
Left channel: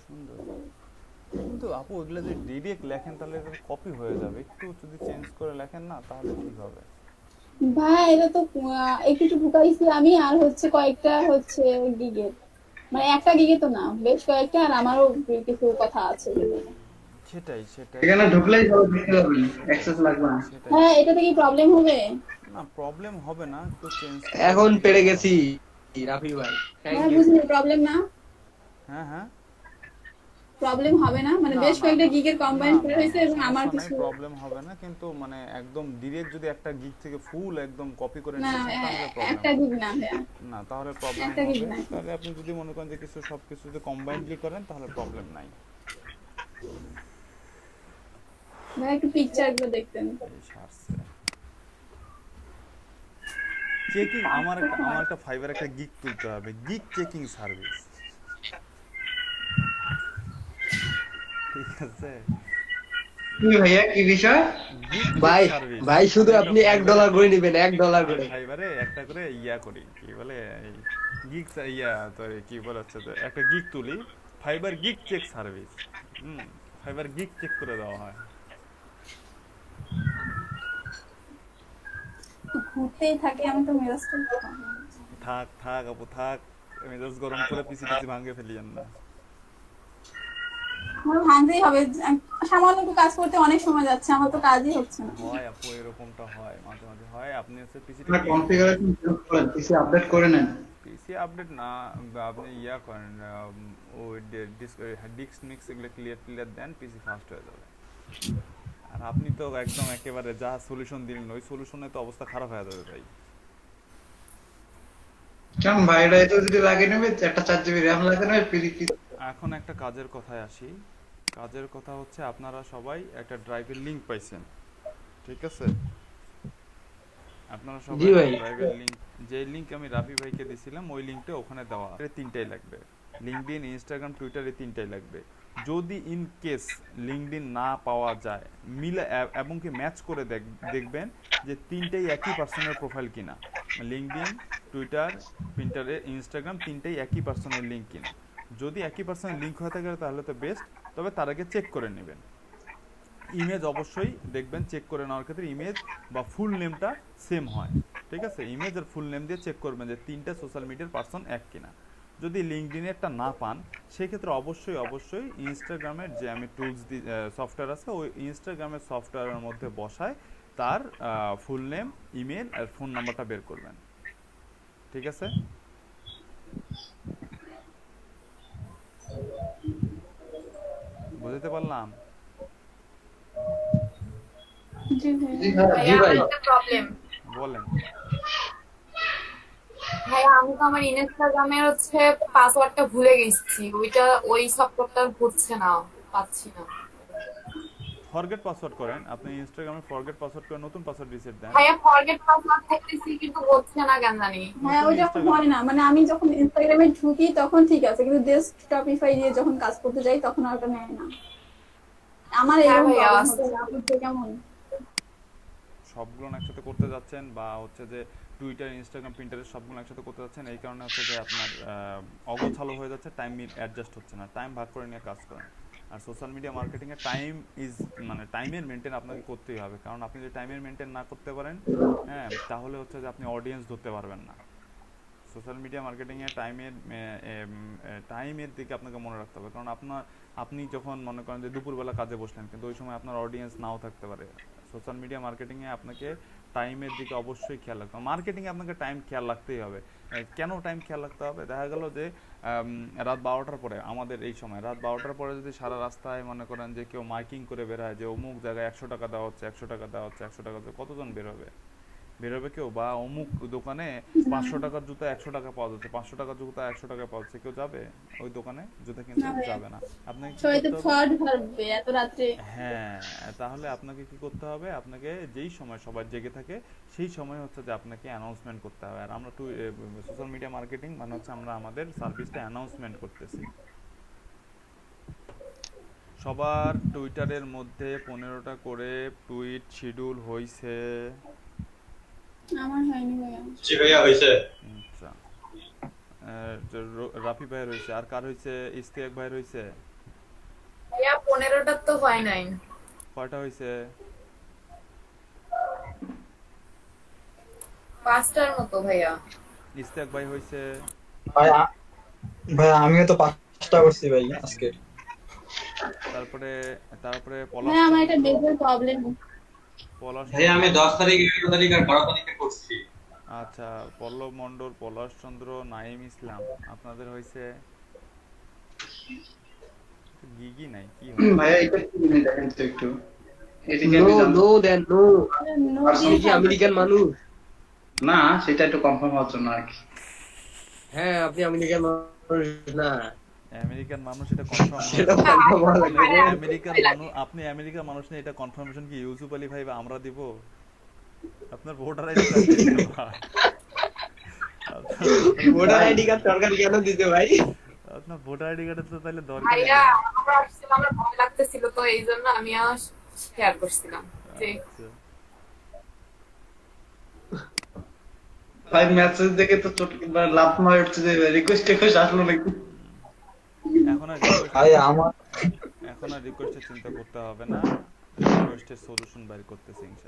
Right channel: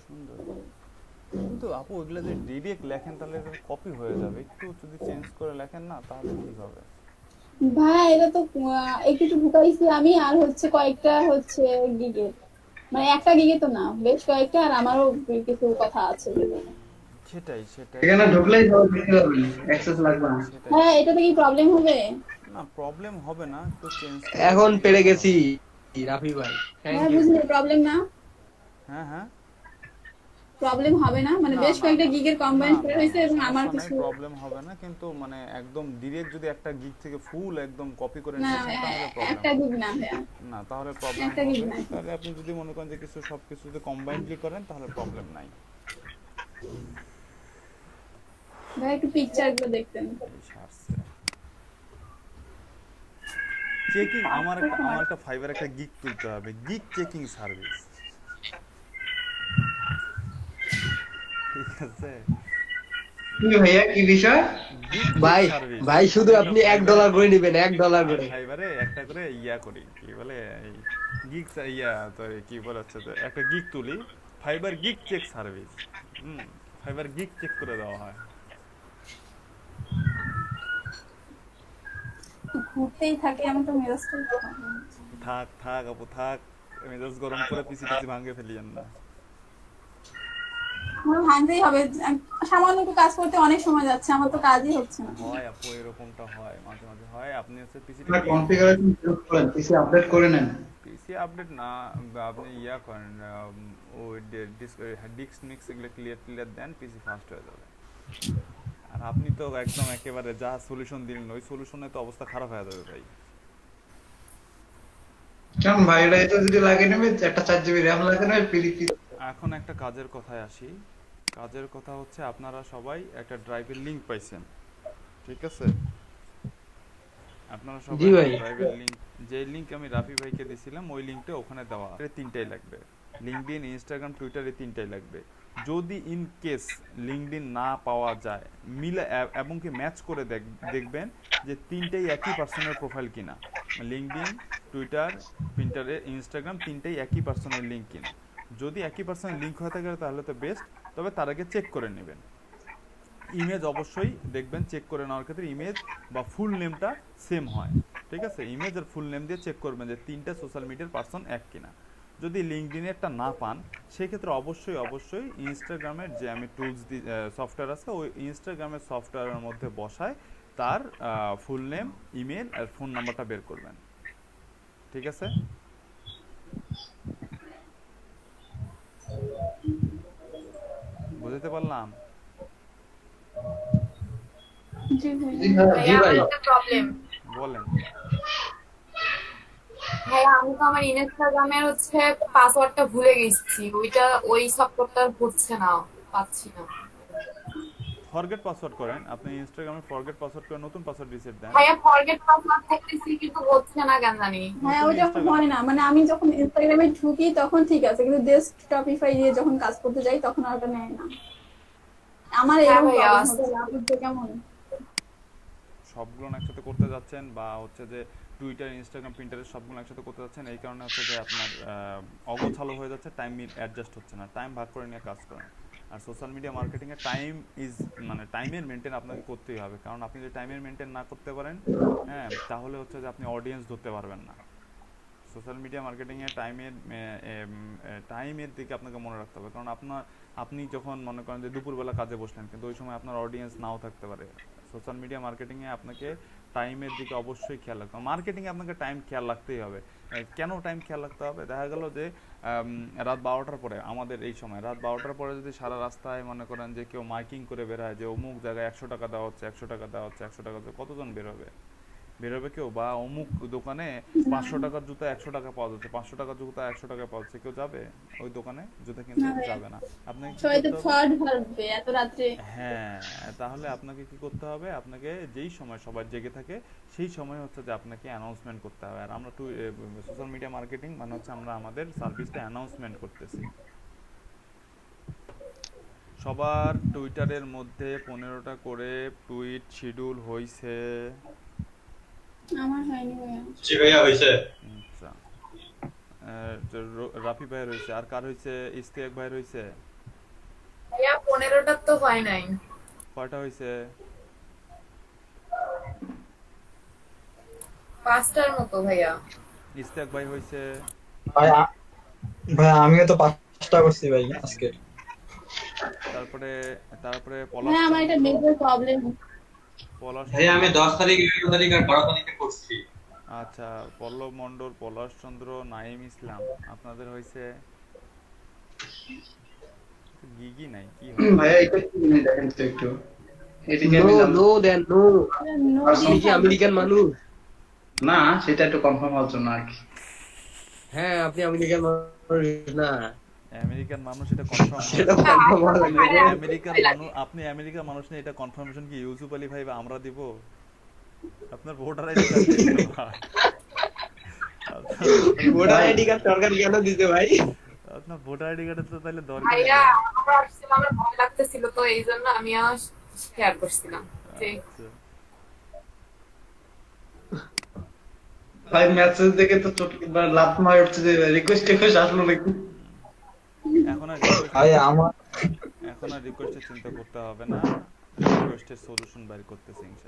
কিন্তু আপু ওইগুলো যদি ডিরেক্ট লেখেন তাহলে এটা কপি হয়ে যাবে, একটু যদি চেঞ্জ করে লেখেন না তাহলে ঠিক হবে। ভাই এটা তো একটু একটু ঢুকাইছি আমি, আর হচ্ছে কয়েকটা হচ্ছে গিগে, মানে একটা গিগে তো না, বেশ কয়েকটা, আর আমারও কিছু কথা আছে। সেটাই এখানে ঢুকলেই সব দেখতে পাবেন, অ্যাক্সেস লাগবে না। হ্যাঁ এটাতে কি প্রবলেম হবে? না, প্রবলেম হবে না, একটু চেঞ্জ এখন পেরে গেছি রাফি ভাই, থ্যাংক হ্যাঁ ইউ। বুঝলি প্রবলেম না, হ্যাঁ প্রবলেম হবে না, মানে বেশ কয়েকটা গিগের কম্বাইন করে হয়েছে এবং আমার কিছু প্রবলেম হবে না, কিন্তু মানে একদম ডিরেক্ট যদি একটা গিগ থেকে ফুল একদম কপি করে না, নিয়েছেন তাহলে প্রবলেম একটা গিগ না ভাইয়া, না, তাহলে প্রবলেম একটা gig হবে। নাই। তাহলে আপনি যদি মনে করেন যে সবকিছু যদি কম্বাইন্ডলি করেন তাহলে প্রবলেম নাই। ভাই একটু পিকচারগুলো দেখতেন। চেকিং আমার একটা ফাইবার একটা গিগ তুলতে হবে, গিগ চেকিং সার্ভিস, ঠিক আছে? কি ভাইয়া কি বিষয়? ভাই ভাই শুধু আপনি $1 করে নেবেন, $1 করে। ফাইবারে একটা করে ইয়া করি, কি বলে এই গিগ কি বলে হচ্ছে তো একটা গিগ তুলি, Fiverr gig check service. Fiverr gig check করে দেওয়া হয়। ঘুরতেই থাকে, আমি তো মেজাজটা থাক আপু থাক, মেজাজ গরম করে পিসি ভাঙে ফেলিয়েন না। আমার ভাঙতেই হবে, সামান্য একটু কাজ করতে অনেক সময় যাচ্ছে, আমার তো কাজই হচ্ছে না। হয় আপু, এরকমটা হয়, মাঝে মাঝে হয়। আপনি হচ্ছে পিসিটা কনফিগারেশন চেঞ্জ করেন, পিসি আপডেট করে নেন। পিসি আপডেট না, আপনি ইয়া করেন, ওই ডিস্ক মিক্স এগুলো ক্লিয়ার দেন, পিসি ফাস্ট হয়ে যাবে। আর আপনি তো একদম একেবারে যা সলিউশন দিলেন ওই সলিউশনে তো অবস্থা খারাপ হয়ে যাবে ভাই। কেমন ভাই, এটা এত যদি লাগে নেবে, একটা 4 GB RAM লাগে নেবে পিসি। এখন একটা কাজের কথায় আসি। কাজের কথা হচ্ছে আপনারা সবাই একটা ড্রাইভের লিংক পাইছেন, ঠিক আছে? আপনারা সবাই ড্রাইভের লিংক, যে লিংক আমি রাফি ভাইকে দিয়েছিলাম ওই লিংকটা ওখানে দেওয়া, এর 3টাই লাগবে, লিংকডইন, ইনস্টাগ্রাম, টুইটার, এই 3টাই লাগবে। যদি ইন কেস লিংকডইন না পাওয়া যায়, মিলে এবং কি ম্যাচ করে দেখবেন যে 3টাই একই পার্সনের প্রোফাইল কিনা। লিঙ্কডইন, টুইটার, পিন্টারেস্ট, ইনস্টাগ্রাম তিনটেই একই পার্সনের লিঙ্ক কিনা। যদি একই পার্সনের লিঙ্ক হয়ে থাকে তাহলে তো বেস্ট, তবে তার আগে চেক করে নেবেন। ইমেজ অবশ্যই দেখবেন, চেক করে নেওয়ার ক্ষেত্রে ইমেজ বা ফুল নেমটা সেম হয়, ঠিক আছে? ইমেজ আর ফুল নেম দিয়ে চেক করবেন যে তিনটা সোশ্যাল মিডিয়ার পার্সন এক কিনা। যদি লিঙ্কডইনেরটা না পান সেক্ষেত্রে অবশ্যই ইনস্টাগ্রামের যে আমি টুলস সফটওয়্যার আছে ওই ইনস্টাগ্রামের সফটওয়্যারের মধ্যে বসায় তার ফুল নেম, ইমেল আর ফোন নাম্বারটা বের করবেন, ঠিক আছে? বুঝতে পারলাম? জি ভাইয়া। জি ভাই, জি ভাইয়া আমার ভাই। একটা প্রবলেম। বলেন। ভাইয়া আমি তো আমার ইনস্টাগ্রামের হচ্ছে পাসওয়ার্ডটা ভুলে গেছি, ওই সফটওয়্যারটা হচ্ছে না, পাচ্ছি না। ফরগেট পাসওয়ার্ড করেন, আপনি ইনস্টাগ্রামে ফরগেট পাসওয়ার্ড করে নতুন পাসওয়ার্ড রিসেট দেন। ভাইয়া ফরগেট পাসওয়ার্ড করতেছি কিন্তু হচ্ছে না কেন জানি। হ্যাঁ ওই যখন হয় না, মানে আমি যখন ইনস্টাগ্রামে ঢুকি তখন ঠিক আছে, কিন্তু ডেস্কটপিফাই দিয়ে যখন কাজ করতে যাই তখন আর ওটা নেয় না। আমার হ্যাঁ এরকম ভাইয়া, প্রবলেম হচ্ছে, আপনাদের কেমন? সবগুলো একসাথে করতে যাচ্ছেন বা হচ্ছে যে টুইটার, ইনস্টাগ্রাম, পিন্টারেস্ট সবগুলো একসাথে করতে যাচ্ছেন, এই কারণে হচ্ছে যে আপনার অগোছালো হয়ে যাচ্ছে, টাইম অ্যাডজাস্ট হচ্ছে না। টাইম ভাগ করে নিয়ে কাজ করেন। আর সোশ্যাল মিডিয়া মার্কেটিংয়ে টাইম মানে টাইমের মেনটেন আপনাকে করতেই হবে, কারণ আপনি যদি টাইমের মেনটেন না করতে পারেন, হ্যাঁ, তাহলে হচ্ছে যে আপনি অডিয়েন্স ধরতে পারবেন না। সোশ্যাল মিডিয়া মার্কেটিংয়ে টাইমের দিকে আপনাকে মনে রাখতে হবে, কারণ আপনি যখন মনে করেন যে দুপুরবেলা কাজে বসলেন কিন্তু ওই সময় আপনার অডিয়েন্স নাও থাকতে পারে। সোশ্যাল মিডিয়া মার্কেটিংয়ে আপনাকে টাইমের দিকে অবশ্যই খেয়াল রাখতে হবে। মার্কেটিংয়ে আপনাকে টাইম খেয়াল রাখতেই হবে। কেন টাইম খেয়াল রাখতে হবে? দেখা গেল যে রাত 12টার পরে, আমাদের এই সময় রাত 12টার পরে যদি সারা রাস্তায় মনে করেন যে কেউ মাইকিং করে বের হয় যে অমুক জায়গায় 100 টাকা দেওয়া হচ্ছে, 100 টাকা দেওয়া হচ্ছে, 100 টাকা, কতজন বেরোবে কেউ? বা অমুক দোকানে 500 টাকার জুতা 100 টাকা পাওয়া যাচ্ছে, 500 টাকার জুতা 100 টাকা পাওয়া যাচ্ছে, কেউ যাবে ওই দোকানে জুতা কিনতে? যাবে না। আপনাকে কি সবাই তো করতে হবে? ফ্রড ভাববে এত রাত্রে। হ্যাঁ, তাহলে আপনাকে কি করতে হবে? আপনাকে যেই সময় সবাই জেগে থাকে সেই সময় হচ্ছে যে আপনাকে অ্যানাউন্সমেন্ট করতে হবে। আর আমরা সোশ্যাল মিডিয়া মার্কেটিং মানে হচ্ছে আমরা আমাদের সার্ভিসটা অ্যানাউন্সমেন্ট করতেছি। সবার টুইটারের মধ্যে 15টা করে টুইট শিডিউল হইছে। আমার হয়নি ভাইয়া। জি ভাইয়া হয়েছে। আচ্ছা, রাফি ভাইয়ের হয়েছে। আর কার হয়েছে? ইস্তিয়াক ভাইয়ের হয়েছে। ভাইয়া 15টা তো হয় নাই। কয়টা হয়েছে? 5টার মতো ভাইয়া। ইস্তিয়াক ভাই হয়েছে। ভাই আমিও তো 5টা করছি ভাই আজকে। তারপরে হ্যাঁ আমার একটা মেজর প্রবলেম। ভাই আমি 10 তারিখ, 11 তারিখ আর 12 তারিখে করছি। আচ্ছা, পল্লব মণ্ডল, পলাশ চন্দ্র, নাইম ইসলাম আপনাদের হয়েছে। গিগি নাই কি হয়? ভাইয়া এটা কি জিনিস দেখেন তো একটু। এদিকে আমি জানতে- আপনি কি আমেরিকান মানুষ? না, সেটা একটু কনফার্ম হওয়ার জন্য আর কি। হ্যাঁ আপনি আমেরিকান মানুষ না? আমেরিকান মানুষ এটা কনফার্ম সেটা confirm হওয়া লাগবে। আপনি আমেরিকার মানুষ নেই, এটা কনফার্মেশন কি ইউসুফ আলী ভাই বা আমরা দিব? আপনার ভোটার আইডি কার্ড দিতে ভাই। ভোটার আইডি কার্ড সরকার কেন দিতে ভাই? আপনার ভোটার আইডি কার্ডের তো তাহলে দরকার নেই। ভাইয়া আমরা আসছিলাম, আমার ভয় লাগতেছিল তো এই জন্য আমিও শেয়ার করছিলাম। আচ্ছা। ভাই মেসেজ দেখে তো চোখ একবার লাভ নয় উঠছে যে রিকোয়েস্ট আসলো নাকি। এখন আর রিকোয়েস্টের চিন্তা করতে হবে না, রিকোয়েস্টের সলিউশন বের করতেছি ইনশাআল্লাহ।